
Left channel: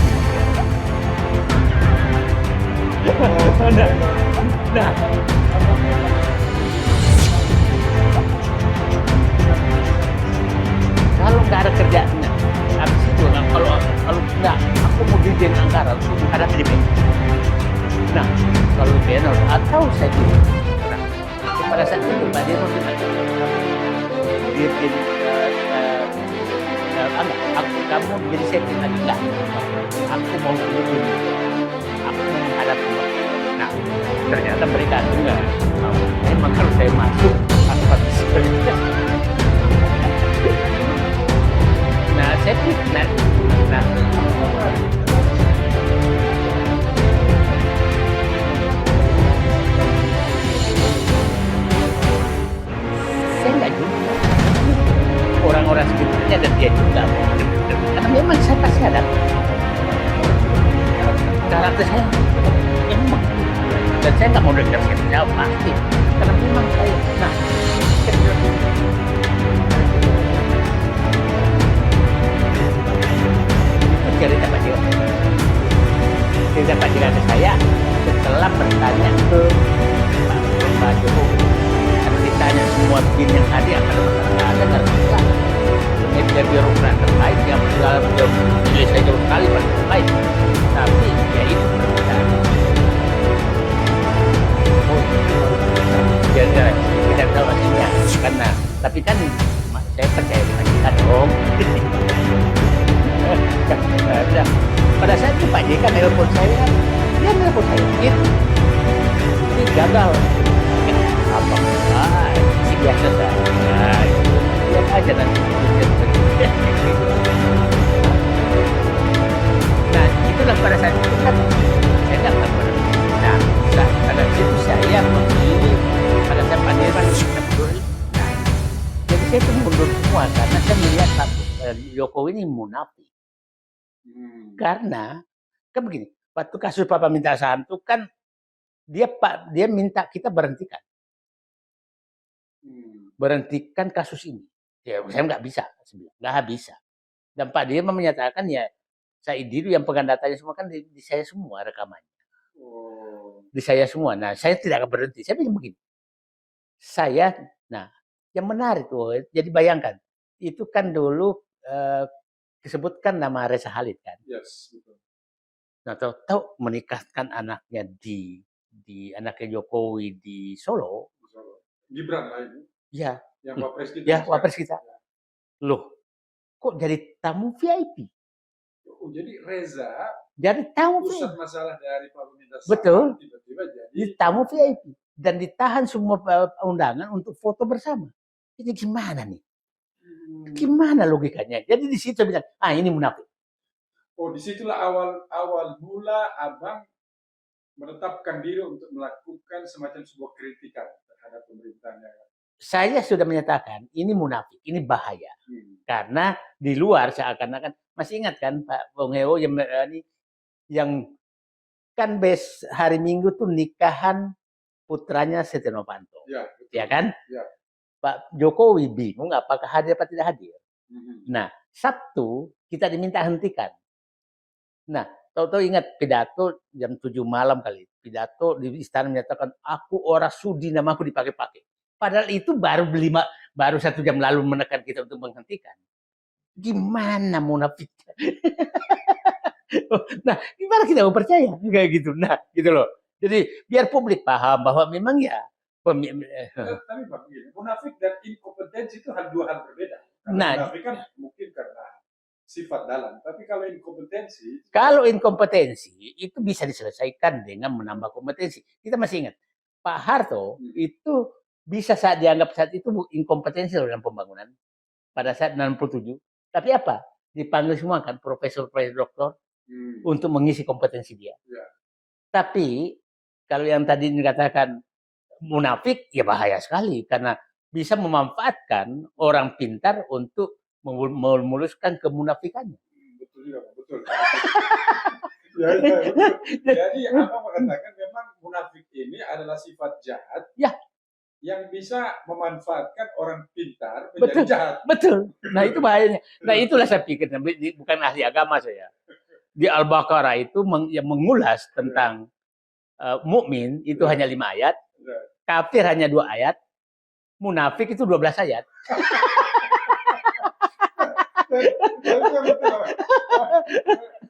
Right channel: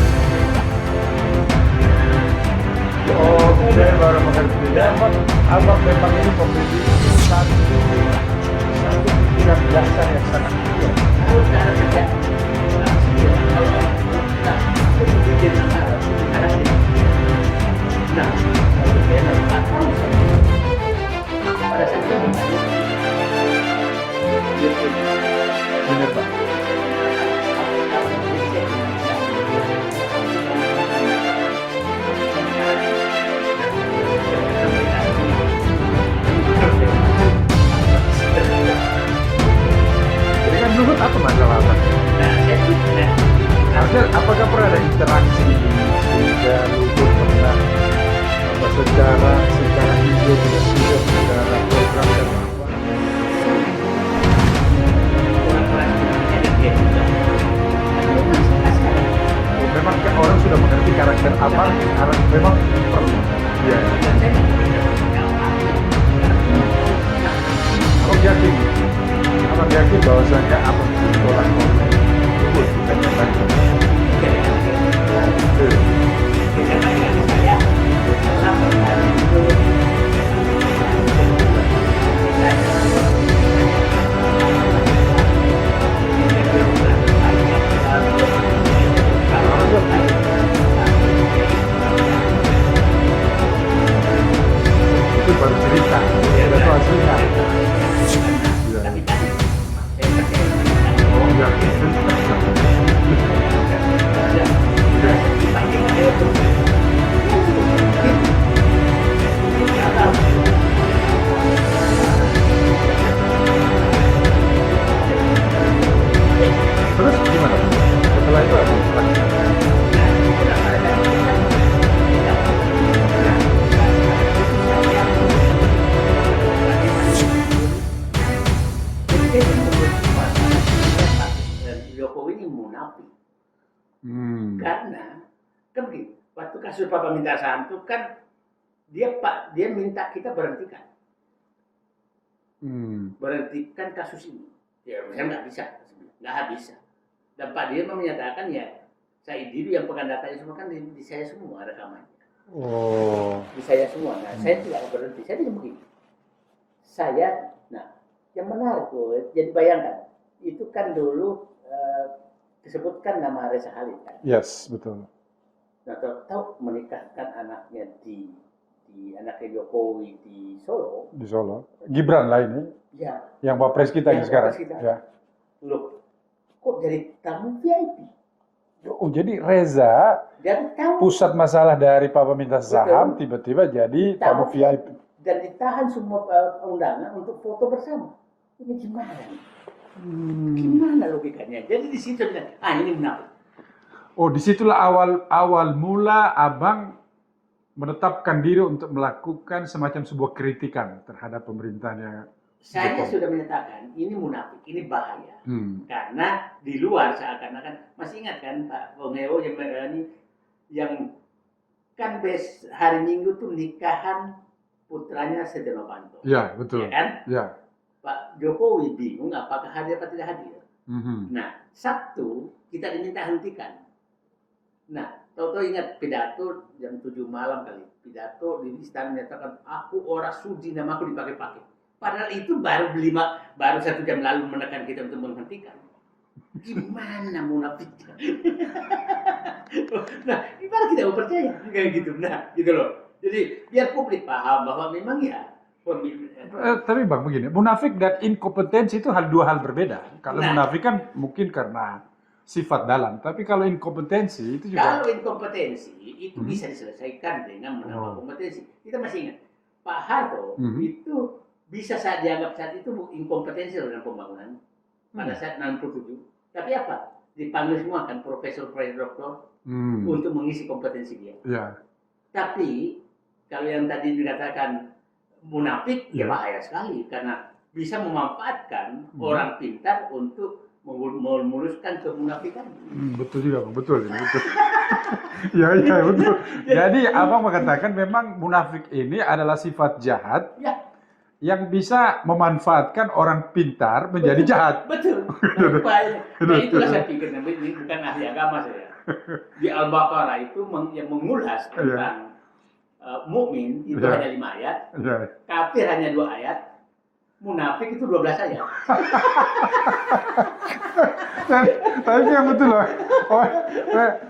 mereka nelpon saya, dia nelpon saya, ini gagal. Biasa saja. Lihat aja nanti. Terus gimana? Setelah itu apa? Nah, itulah pada saat itu kan saya dapat. Nah, karena itu saya memilih pada saat Pak Dirman jadi saya itu semua karena saya melihat Jokowi ini munafik. Karena kan begini, waktu kasus Papa minta saham itu kan dia minta kita berhentikan. Berhentikan kasus ini. Ya, saya nggak bisa, nggak bisa. Dan Pak Dirman menyatakan ya, saya dulu yang pegang datanya semua kan di saya semua rekamannya. Oh. Di saya semua. Nah, saya tidak akan berhenti. Saya bilang begini. Nah, yang menarik tuh, jadi bayangkan, itu kan dulu disebutkan nama Reza Khalid kan. Yes, betul. Nah, tahu menikahkan anaknya di anaknya Jokowi di Solo. Di Solo. Gibran lah ini. Ya. Yang Wapres kita Ya, sekarang. Wapres kita. Ya. Loh, kok jadi tamu VIP? Oh, jadi Reza Jadi tamu pusat masalah dari Papa minta saham tiba-tiba jadi tamu VIP. dan ditahan semua undangan untuk foto bersama. Ini gimana nih? Gimana logikanya? Jadi di situ bilang, ini munafik. Oh, disitulah awal mula abang menetapkan diri untuk melakukan semacam sebuah kritikan terhadap pemerintahannya. Saya sudah menyatakan ini munafik, ini bahaya. Karena di luar seakan-akan, masih ingat kan Pak Bongeo yang kan hari Minggu tuh nikahan putranya Setia Novanto. Ya, betul. Ya kan? Ya. Pak Jokowi bingung apakah hadir atau tidak hadir. Nah, Sabtu kita diminta hentikan. Nah, tahu-tahu ingat pidato jam 7 malam kali. Pidato di istana menyatakan aku orang sudi namaku dipakai-pakai. Padahal itu baru 1 jam lalu menekan kita untuk menghentikan. Gimana munafiknya? Nah, gimana kita mau percaya kayak gitu? Nah, gitu loh. Jadi biar publik paham bahwa memang ya. Tapi Bang begini, munafik dan inkompetensi itu dua hal berbeda. Karena munafik kan mungkin karena sifat dalam, tapi kalau inkompetensi itu juga... Kalau inkompetensi itu bisa diselesaikan dengan menambah kompetensi. Kita masih ingat Pak Harto itu bisa dianggap saat itu inkompetensi dalam pembangunan pada saat 67. Tapi apa? Dipanggil semua kan profesor, doktor untuk mengisi kompetensi dia. Ya. Tapi kalau yang tadi dikatakan munafik ya bahaya sekali karena bisa memanfaatkan orang pintar untuk memuluskan kemunafikan. Betul juga, Bang. Betul. Ya, betul. Jadi abang mengatakan memang munafik ini adalah sifat jahat yang bisa memanfaatkan orang pintar menjadi jahat. Betul. Nah itu bahayanya. Nah itulah saya pikir, bukan ahli agama saya. Di Al-Baqarah itu yang mengulas tentang mukmin itu hanya 5 ayat, kafir hanya 2 ayat, munafik itu 12 ayat. Tapi yang betul loh.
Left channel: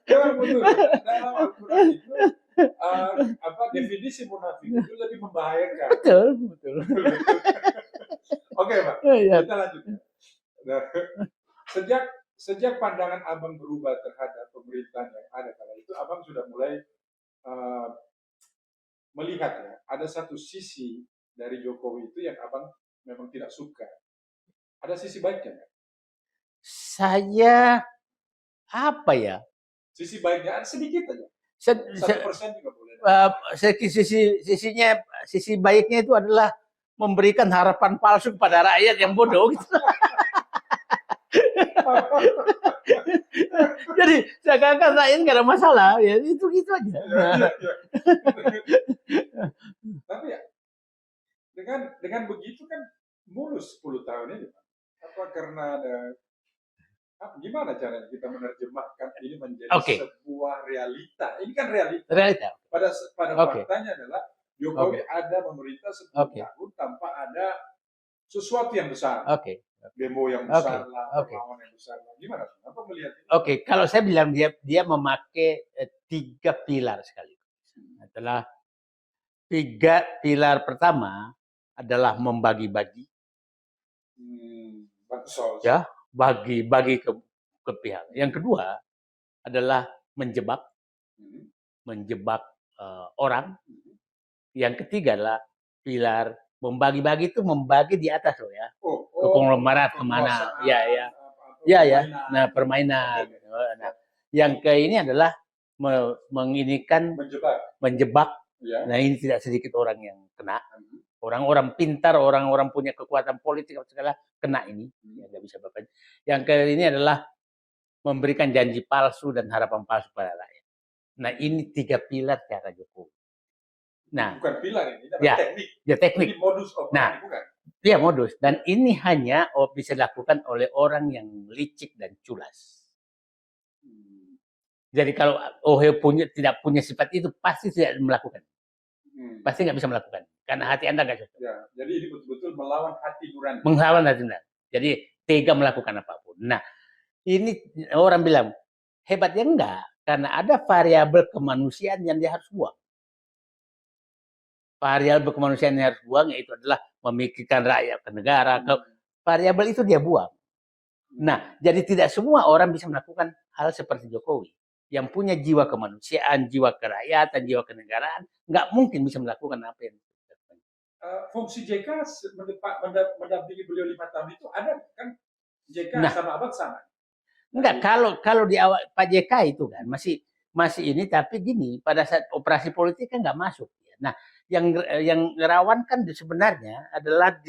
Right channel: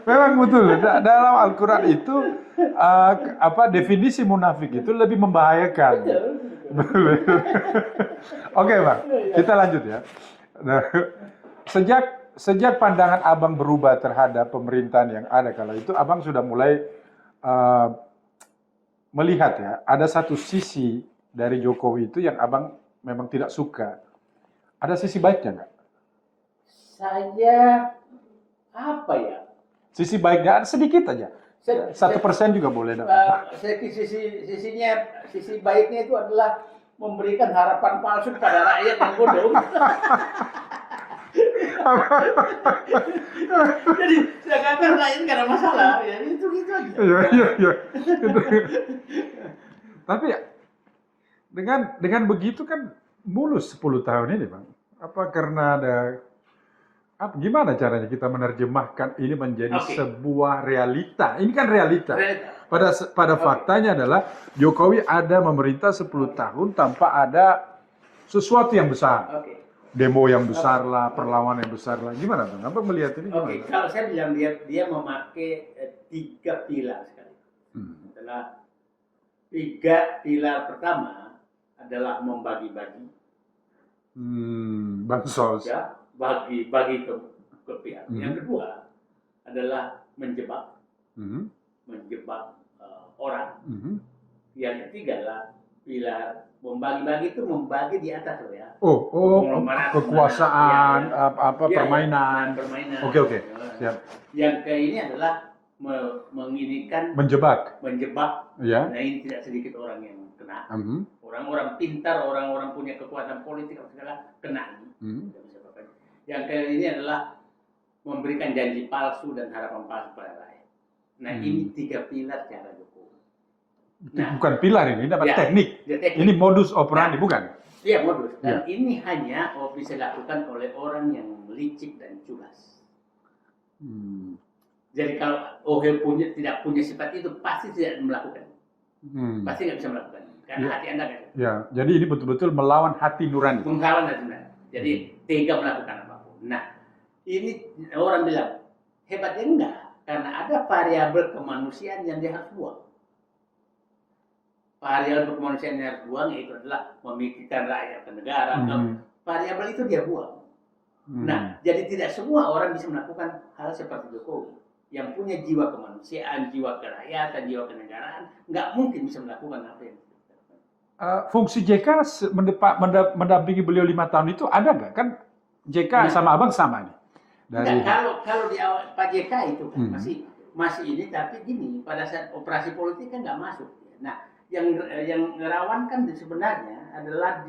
Memang betul. Dalam Al-Quran itu definisi munafik itu lebih membahayakan. Betul. Oke, Bang. Kita lanjut ya. Nah, sejak pandangan Abang berubah terhadap pemerintahan yang ada kala itu, Abang sudah mulai melihat ya, ada satu sisi dari Jokowi itu yang Abang memang tidak suka. Ada sisi baiknya nggak? Saya apa ya? Sisi baiknya sedikit aja. 1% juga boleh. Sisi baiknya itu adalah memberikan harapan palsu pada rakyat yang bodoh. Jadi seakan-akan rakyat nggak ada masalah, ya itu aja. Iya. Tapi dengan begitu kan mulus 10 tahun ini, Bang. Apa karena gimana caranya kita menerjemahkan ini menjadi sebuah realita? Ini kan realita. Pada faktanya adalah Jokowi ada memerintah 10 tahun tanpa ada sesuatu yang besar. Demo yang besar lah, perlawanan yang besar lah. Gimana, Bang? Apa melihat ini? Kalau saya bilang dia memakai 3 pilar sekali. Adalah 3 pilar pertama adalah membagi-bagi. Bansos. Ya, bagi ke pihak. Yang kedua adalah menjebak. Mhm. menjebak orang. Mhm. Yang ketiga adalah pilar membagi-bagi, itu membagi di atas loh ya. Oh, Konglomerat kemana? kekuasaan, apa Ya, permainan. Nah, permainan. Oke. Nah, Siap. yang ke ini adalah menginikan, Menjebak. menjebak. Ya. Nah, ini tidak sedikit orang yang kena. Mhm. Orang-orang pintar, orang-orang punya kekuatan politik segala kena ini. Nggak bisa apa-apa. Yang ke ini adalah memberikan janji palsu dan harapan palsu pada rakyat. Nah, ini 3 pilar cara Jokowi. Nah, bukan pilar ini, tapi ya, teknik. Ya, teknik. Ini modus operandi, bukan? Iya, modus. Dan ini hanya bisa dilakukan oleh orang yang licik dan culas. Jadi kalau tidak punya sifat itu, pasti tidak melakukan. Pasti nggak bisa melakukan. Karena hati Anda nggak cukup. Ya, jadi ini betul-betul melawan hati nurani. Melawan hati nurani. Jadi tega melakukan apapun. Nah, ini orang bilang, hebatnya enggak. Karena ada variabel kemanusiaan yang dia harus buang. Variabel kemanusiaan yang harus buang yaitu adalah memikirkan rakyat dan negara. Variabel itu dia buang. Nah, jadi tidak semua orang bisa melakukan hal seperti Jokowi. Yang punya jiwa kemanusiaan, jiwa kerakyatan, jiwa kenegaraan, nggak mungkin bisa melakukan apa yang fungsi JK mendampingi beliau 5 tahun itu ada nggak? Kan JK sama Abang sama nih. Enggak, kalau di awal Pak JK itu kan masih ini, tapi gini, pada saat operasi politik kan nggak masuk. Nah, yang rawan kan sebenarnya adalah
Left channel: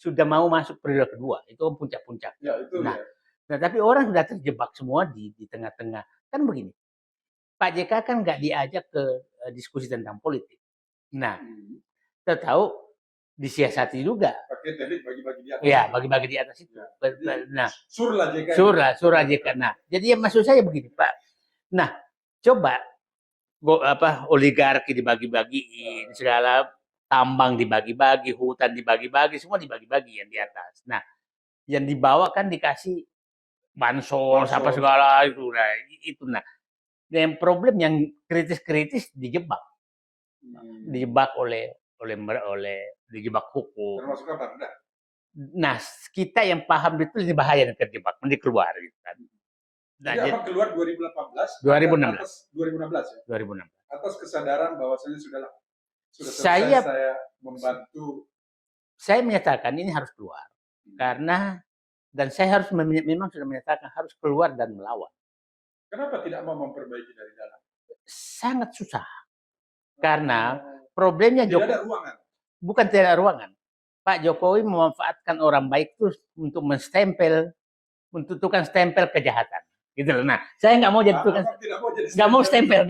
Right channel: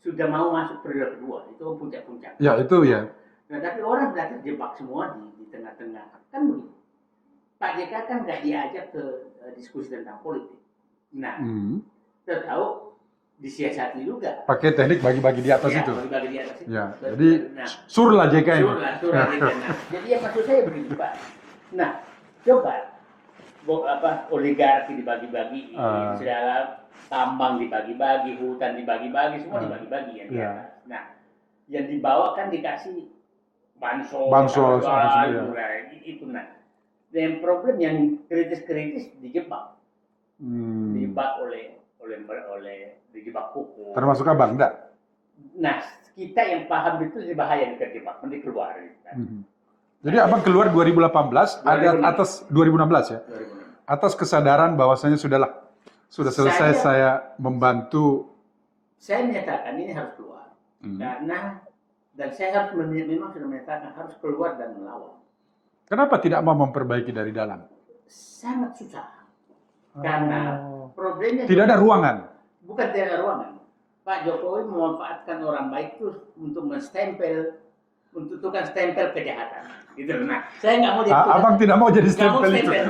sudah mau masuk periode kedua, itu puncak-puncak. Ya, itu ya. Nah, tapi orang sudah terjebak semua di tengah-tengah. Kan begini, Pak JK kan nggak diajak ke diskusi tentang politik. Nah, kita tahu disiasati juga. Pakai teknik bagi-bagi di atas itu. Bagi-bagi di atas itu. Ya, jadi surlah JK. Surlah JK. Nah, jadi maksud saya begitu, Pak. Nah, coba oligarki dibagi-bagiin, segala tambang dibagi-bagi, hutan dibagi-bagi, semua dibagi-bagi yang di atas. Nah, yang dibawa kan dikasih bansos apa segala itu. Nah, yang problem yang kritis-kritis dijebak. Dijebak oleh dijebak hukum. Termasuk Abang, enggak? Nah, kita yang paham itu ini bahaya dan terjebak, nanti keluar. Gitu kan. Jadi Abang keluar 2018, atas 2016 ya? 2016. Atas kesadaran bahwasanya sudah selesai saya membantu. Saya menyatakan ini harus keluar. Karena, dan saya harus memang sudah menyatakan harus keluar dan melawan. Kenapa tidak mau memperbaiki dari dalam? Sangat susah. Karena problemnya tidak ada ruangan. Bukan tidak ada ruangan. Pak Jokowi memanfaatkan orang baik itu untuk menstempel, menentukan stempel kejahatan. Gitu loh. Nah, saya nggak mau jadi Abang tidak mau jadi stempel. Nggak mau stempel.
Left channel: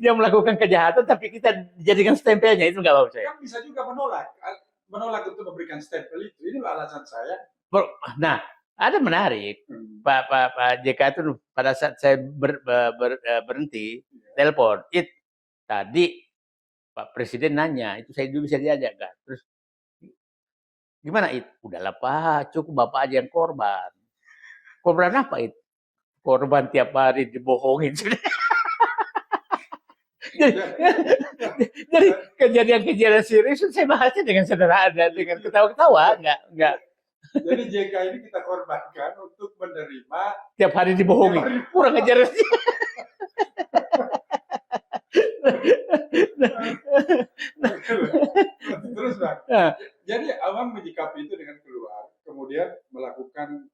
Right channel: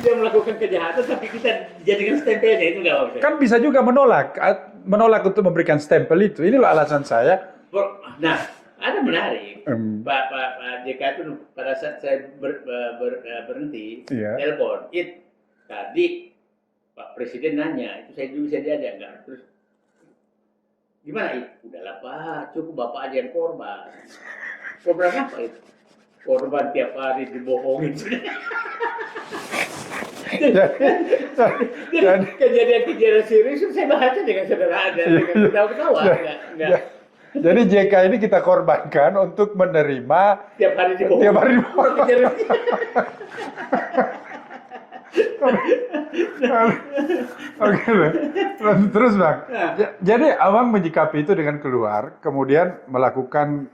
Dia melakukan kejahatan, tapi kita dijadikan stempelnya, itu nggak mau. Kan bisa juga menolak untuk memberikan stempel itu. Ini loh alasan saya. Nah, ada menarik. Pak JK itu pada saat saya berhenti, telepon. Tadi Pak Presiden nanya, itu saya dulu bisa diajak nggak? Terus gimana itu? Udahlah Pak, cukup Bapak aja yang korban. Korban apa itu? Korban tiap hari dibohongin. Kejadian-kejadian serius saya bahasnya dengan sederhana dan dengan ketawa-ketawa. Jadi JK ini kita korbankan untuk menerima tiap hari dibohongin. Kurang ajar. Oke, terus Bang. Jadi Abang menyikapi itu dengan keluar, kemudian melakukan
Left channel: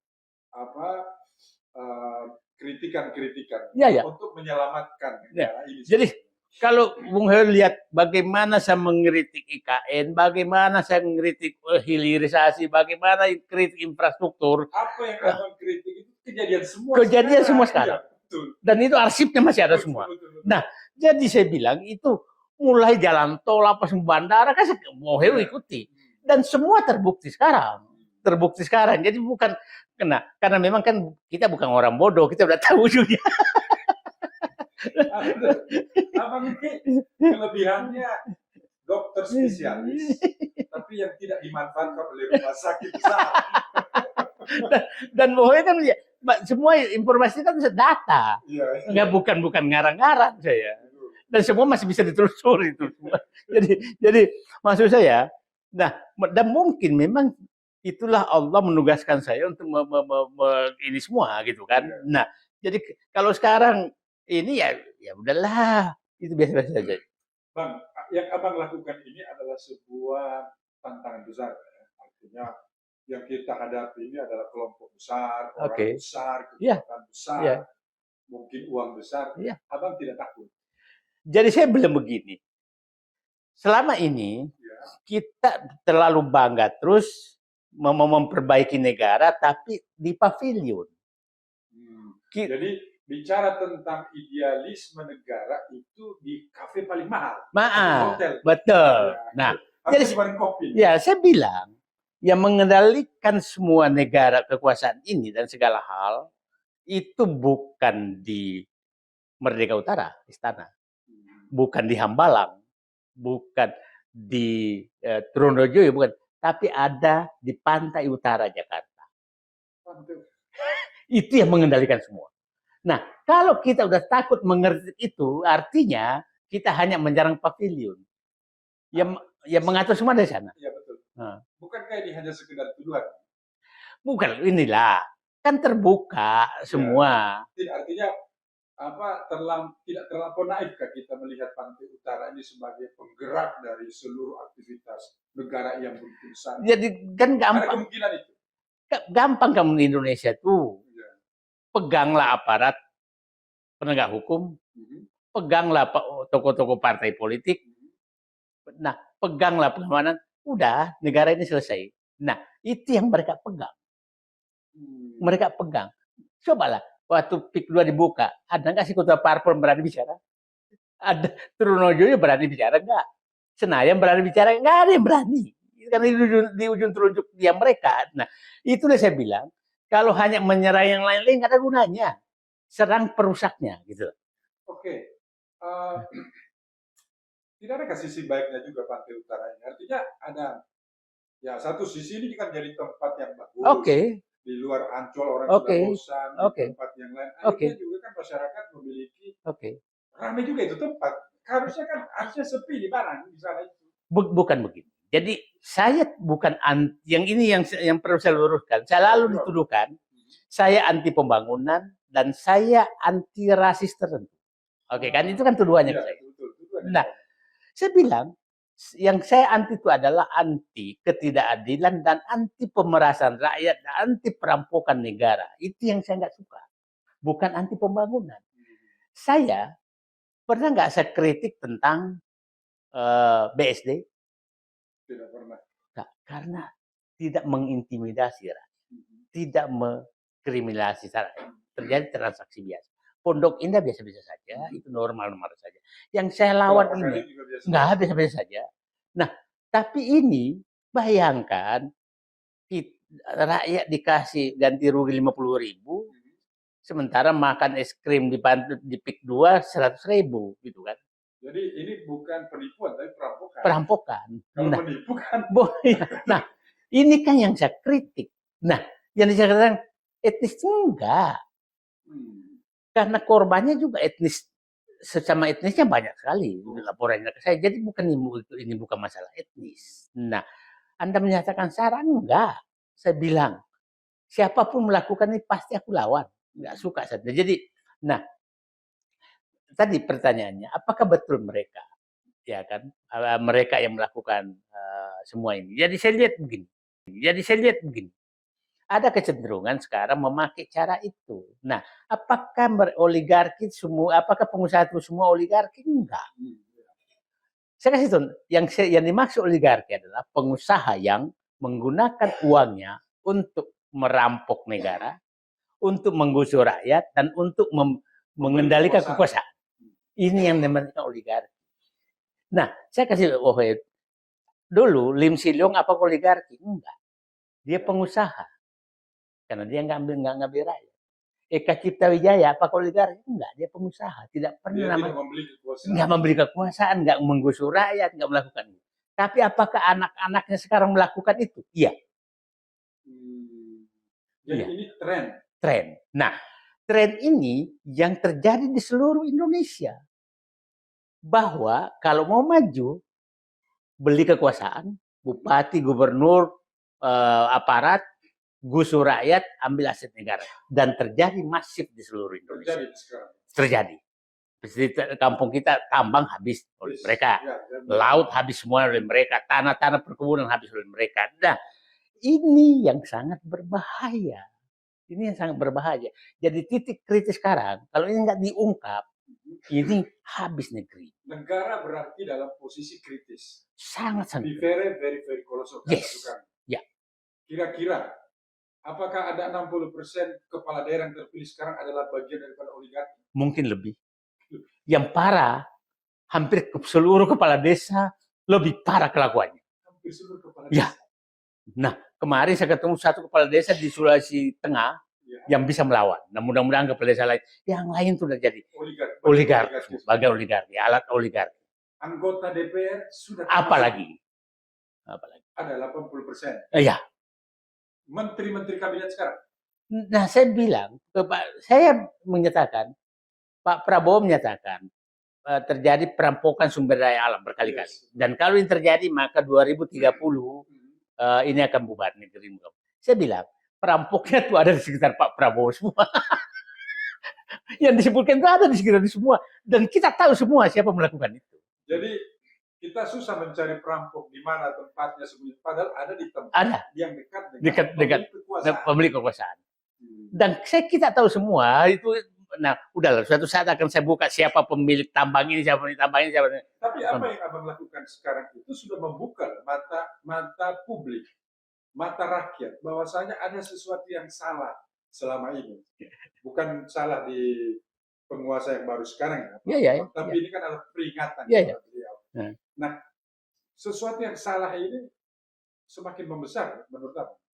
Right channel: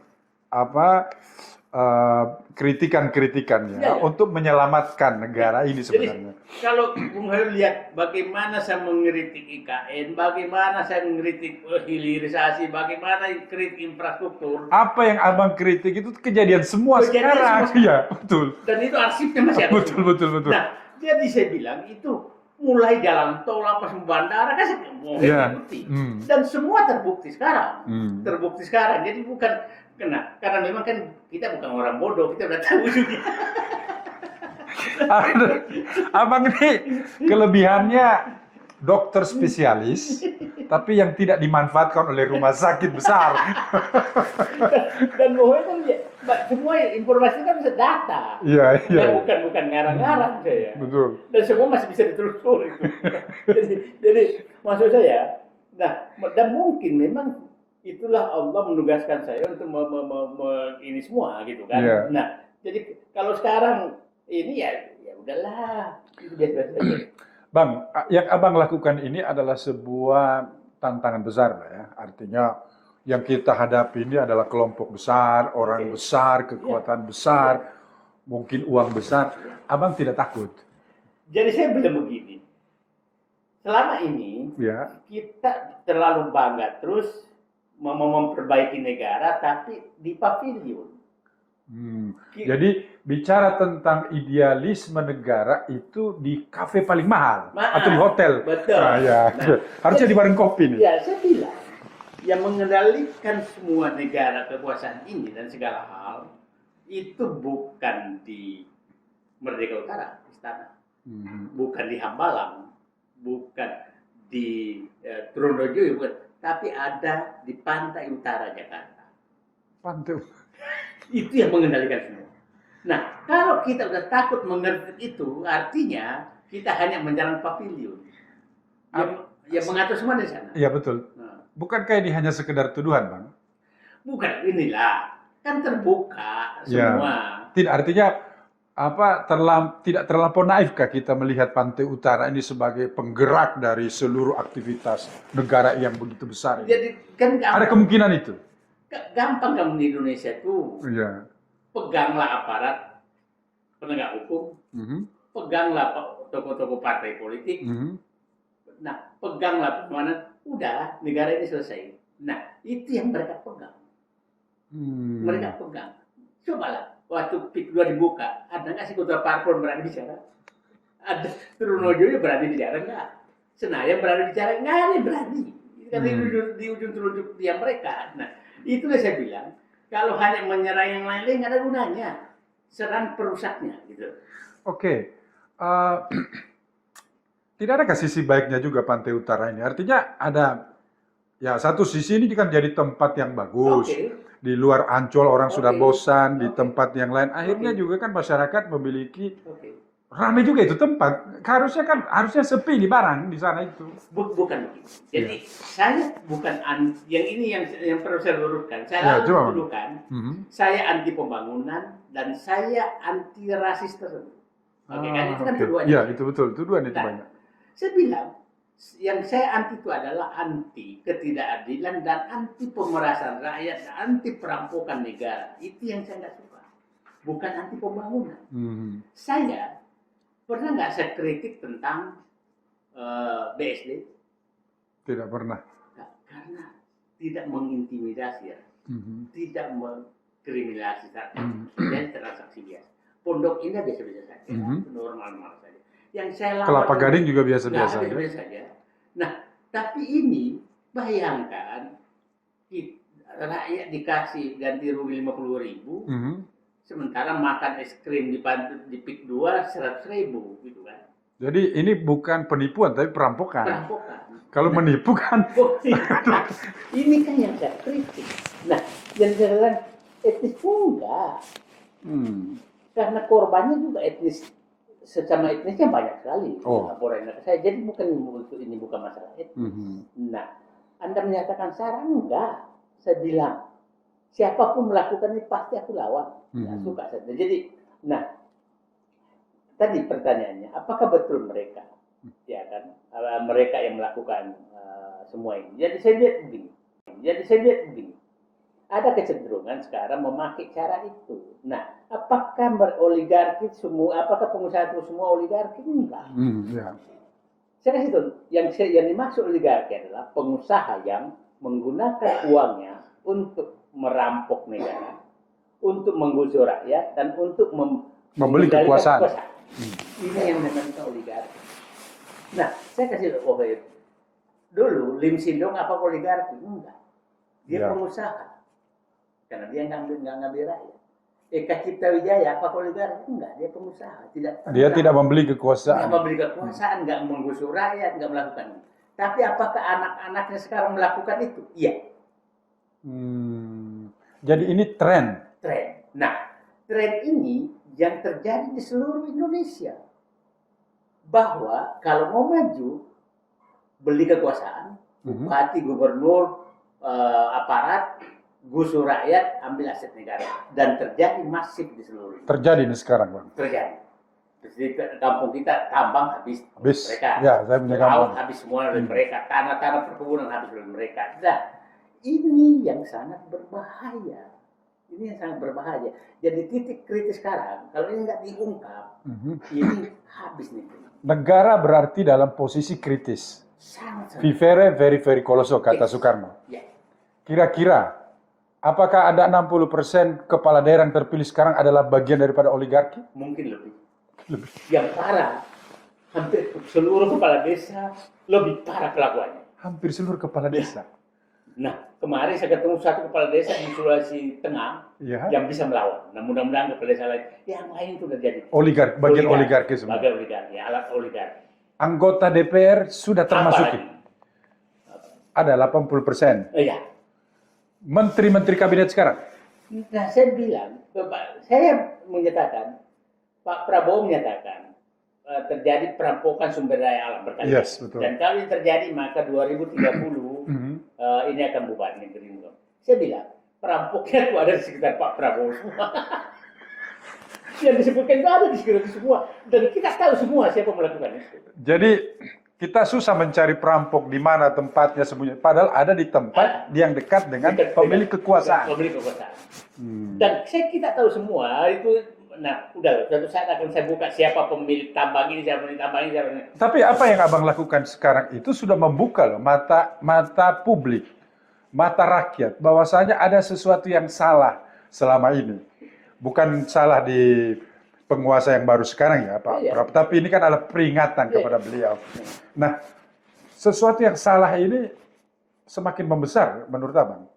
kritikan-kritikannya untuk menyelamatkan negara ini sebenarnya. Jadi kalau Bung Heri lihat bagaimana saya mengkritik IKN, bagaimana saya mengkritik hilirisasi, bagaimana kritik infrastruktur. Apa yang Abang kritik itu kejadian semua sekarang. Iya, betul. Dan itu arsipnya masih ada semua. Betul. Nah, jadi saya bilang itu mulai jalan tol apa bandara kan saya mau ikuti. Dan semua terbukti sekarang. Terbukti sekarang. Jadi bukan karena memang kan kita bukan orang bodoh, kita udah tahu juga. Abang ini kelebihannya dokter spesialis, tapi yang tidak dimanfaatkan oleh rumah sakit besar. Dan pokoknya kan semua informasi kan bisa data. Iya. Bukan ngarang-ngarang saya. Betul. Dan semua masih bisa ditelusuri itu. jadi maksud saya, dan mungkin memang itulah Allah menugaskan saya untuk ini semua gitu kan. Yeah. Nah, Jadi kalau sekarang ini ya udahlah, itu biasa-biasa saja. Bang, yang Abang lakukan ini adalah sebuah tantangan besar, Pak, ya. Artinya yang kita hadapi ini adalah kelompok besar, orang Oke. besar, Iya, kekuatan iya, besar, mungkin uang besar. iya. Abang tidak takut, Jadi saya bilang begini, selama ini ya. kita terlalu bangga terus mau memperbaiki negara tapi di pavilion. Jadi bicara tentang idealisme negara itu di kafe paling mahal atau di hotel. Betul. Ya. Nah, Harusnya jadi- di warung kopi nih. Ya, saya bilang yang mengendalikan semua negara kekuasaan ini dan segala hal itu bukan di Merdeka Utara, istana, bukan di Hambalang, bukan di Trunojoyo, bukan, tapi ada di pantai utara Jakarta. Pantai. Itu yang mengendalikan semua. Nah, kalau kita udah takut mengerti itu, artinya kita hanya menjarang pavilion. Yang mengatur semua dari sana. Iya betul. Nah, Bukankah ini hanya sekedar tuduhan, Bang? bukan, inilah. Kan terbuka semua. Tidak, artinya tidak terlampau naifkah kita melihat Pantai Utara ini sebagai penggerak dari seluruh aktivitas negara yang begitu besar? Jadi kan Ada gampang. kemungkinan itu. Gampang kamu di Indonesia tuh. Iya. Peganglah aparat penegak hukum, peganglah tokoh-tokoh partai politik, nah peganglah perlawanan, udah negara ini selesai. Nah itu yang mereka pegang. Mereka pegang. Cobalah waktu PIK 2 dibuka, ada nggak sih kota parpol berani bicara? Ada Trunojoyo berani bicara nggak? Senayan berani bicara nggak? Ada yang berani. Karena di ujung telunjuk dia mereka. Nah itulah saya bilang. Kalau hanya menyerang yang lain-lain nggak ada gunanya. Serang perusaknya, gitu. Oke. Tidak ada sisi baiknya juga Pantai Utara ini. Artinya ada, ya satu sisi ini kan jadi tempat yang bagus. Oke. Di luar Ancol orang sudah bosan, di Oke. tempat yang lain. Akhirnya juga kan masyarakat memiliki, Oke. ramai juga itu tempat. Harusnya sepi di barang di sana itu. Bukan begitu. Jadi saya bukan yang ini yang perlu saya luruskan. Saya Ya, lalu coba. dituduhkan saya anti pembangunan dan saya anti rasis tertentu. Oke, kan itu kan tuduhannya. Iya, itu betul. Tuduhan itu Nah, banyak. saya bilang yang saya anti itu adalah anti ketidakadilan dan anti pemerasan rakyat, anti perampokan negara. Itu yang saya nggak suka. Bukan anti pembangunan. Saya pernah nggak saya kritik tentang BSD? Tidak pernah. Nah, karena tidak mengintimidasi, tidak mengkriminalisasi, terjadi transaksi biasa. Pondok Indah biasa-biasa saja, normal-normal saja. Yang saya lawan Kelapa Gading juga biasa-biasa. biasa-biasa saja. Nah, tapi ini bayangkan rakyat dikasih ganti rugi 50.000, sementara makan es krim di PIK 2 100.000 gitu kan. Jadi ini bukan penipuan tapi perampokan. Perampokan. Kalau menipu kan Nah, ini kan yang saya kritik. Nah, yang saya katakan etnis enggak. Karena korbannya juga etnis, sesama etnisnya banyak sekali. Laporan ke saya. Jadi ini bukan masalah etnis. Nah, Anda menyatakan sarah enggak. Saya bilang siapapun melakukan ini pasti aku lawan. Nggak suka saya. Jadi, nah tadi pertanyaannya, apakah betul mereka, ya kan, mereka yang melakukan semua ini? Jadi saya lihat begini. Ada kecenderungan sekarang memakai cara itu. Nah, apakah oligarki semua? Apakah pengusaha itu semua oligarki? Enggak. Saya kasih tahu, yang dimaksud oligarki adalah pengusaha yang menggunakan uangnya untuk merampok negara, untuk menggusur rakyat, dan untuk mengendalikan kekuasaan. Ini yang namanya oligarki. Nah, saya kasih dulu Lim Silyong apa oligarki? Enggak. Dia pengusaha. Karena dia nggak ngambil rakyat. Eka Cipta Wijaya apa oligarki? Enggak, dia pengusaha. Dia tidak membeli kekuasaan. Nggak membeli kekuasaan, nggak menggusur rakyat, nggak melakukan itu. Tapi apakah anak-anaknya sekarang melakukan itu? Iya. Jadi ini tren. Nah, tren ini yang terjadi di seluruh Indonesia. Bahwa kalau mau maju, beli kekuasaan, bupati, gubernur, aparat, gusur rakyat, ambil aset negara. Dan terjadi masif di seluruh Indonesia. Terjadi ini sekarang, Bang. Terjadi. Di kampung kita tambang habis oleh Habis. mereka. Ya, saya punya Laut tambang. habis semua oleh mereka. Tanah-tanah perkebunan habis oleh mereka. Nah, ini yang sangat berbahaya. Ini yang sangat berbahaya. Jadi titik kritis sekarang, kalau ini nggak diungkap, ini habis negeri. Negara berarti dalam posisi kritis. Sangat-sangat. Vivere very very coloso, kata Yes. Soekarno. Ya. Kira-kira, apakah ada 60% kepala daerah yang terpilih sekarang adalah bagian daripada oligarki? Mungkin lebih. Yang parah, hampir seluruh kepala desa lebih parah kelakuannya. Hampir seluruh kepala Ya. desa. Nah, kemarin saya ketemu satu kepala desa di Sulawesi Tengah Ya. yang bisa melawan. Nah, mudah-mudahan kepala desa lain. Yang lain sudah jadi Oligarki, bagian oligarki sebenarnya. bagian oligarki, alat oligarki. Anggota DPR sudah termasuk. Apalagi? Ada 80%. Iya. Menteri-menteri kabinet sekarang. Nah, saya bilang, saya menyatakan, Pak Prabowo menyatakan terjadi perampokan sumber daya alam berkali-kali. Yes, betul. Dan kalau ini terjadi, maka 2030 ini akan bubar negeri ini. Saya bilang, perampoknya itu ada di sekitar Pak Prabowo semua. Yang disebutkan itu ada di sekitar semua. Dan kita tahu semua siapa melakukan itu. Jadi kita susah mencari perampok di mana tempatnya sembunyi. Padahal ada di tempat yang dekat dengan pemilik kekuasaan. Pemilik kekuasaan. Dan kita tahu semua itu. Nah, udahlah. Suatu saat akan saya buka siapa pemilik tambang ini, siapa pemilik tambang ini, siapa ini. Tapi apa yang abang lakukan sekarang itu sudah membuka loh mata publik, mata rakyat, bahwasanya ada sesuatu yang salah selama ini. Bukan salah di penguasa yang baru sekarang ya, Pak. Ya. Tapi ini kan adalah peringatan kepada beliau. Nah, sesuatu yang salah ini semakin membesar menurut abang.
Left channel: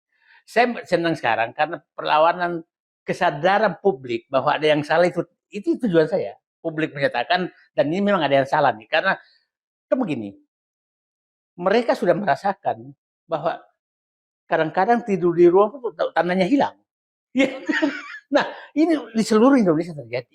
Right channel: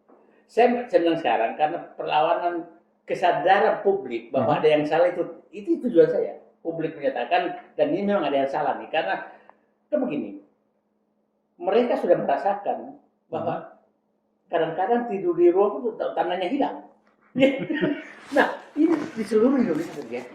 Saya senang sekarang karena perlawanan kesadaran publik bahwa ada yang salah itu tujuan saya. Publik menyatakan dan ini memang ada yang salah nih karena itu begini. Mereka sudah merasakan bahwa kadang-kadang tidur di ruang tandanya hilang. Nah, ini di seluruh Indonesia terjadi.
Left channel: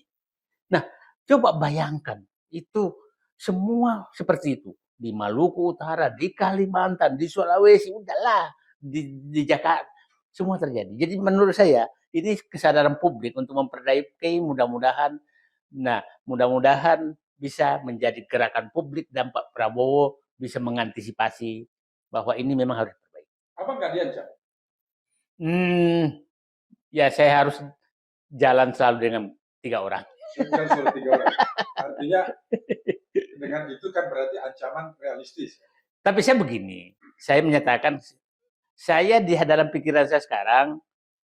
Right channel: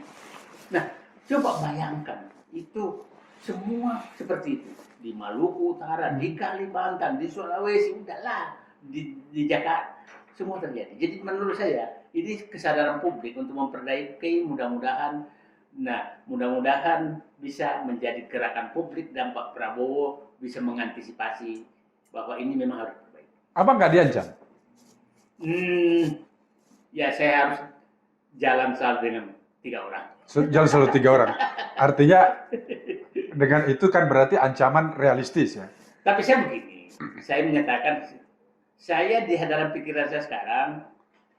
Nah, coba bayangkan itu semua seperti itu di Maluku Utara, di Kalimantan, di Sulawesi, udahlah di Jakarta semua terjadi. Jadi menurut saya ini kesadaran publik untuk memperbaiki mudah-mudahan. Nah, mudah-mudahan bisa menjadi gerakan publik dan Pak Prabowo bisa mengantisipasi bahwa ini memang harus diperbaiki. Abang nggak diancam? Ya saya harus jalan selalu dengan 3 orang. Jalan selalu 3 orang. Artinya dengan itu kan berarti ancaman realistis ya. Tapi saya begini, saya menyatakan saya di dalam pikiran saya sekarang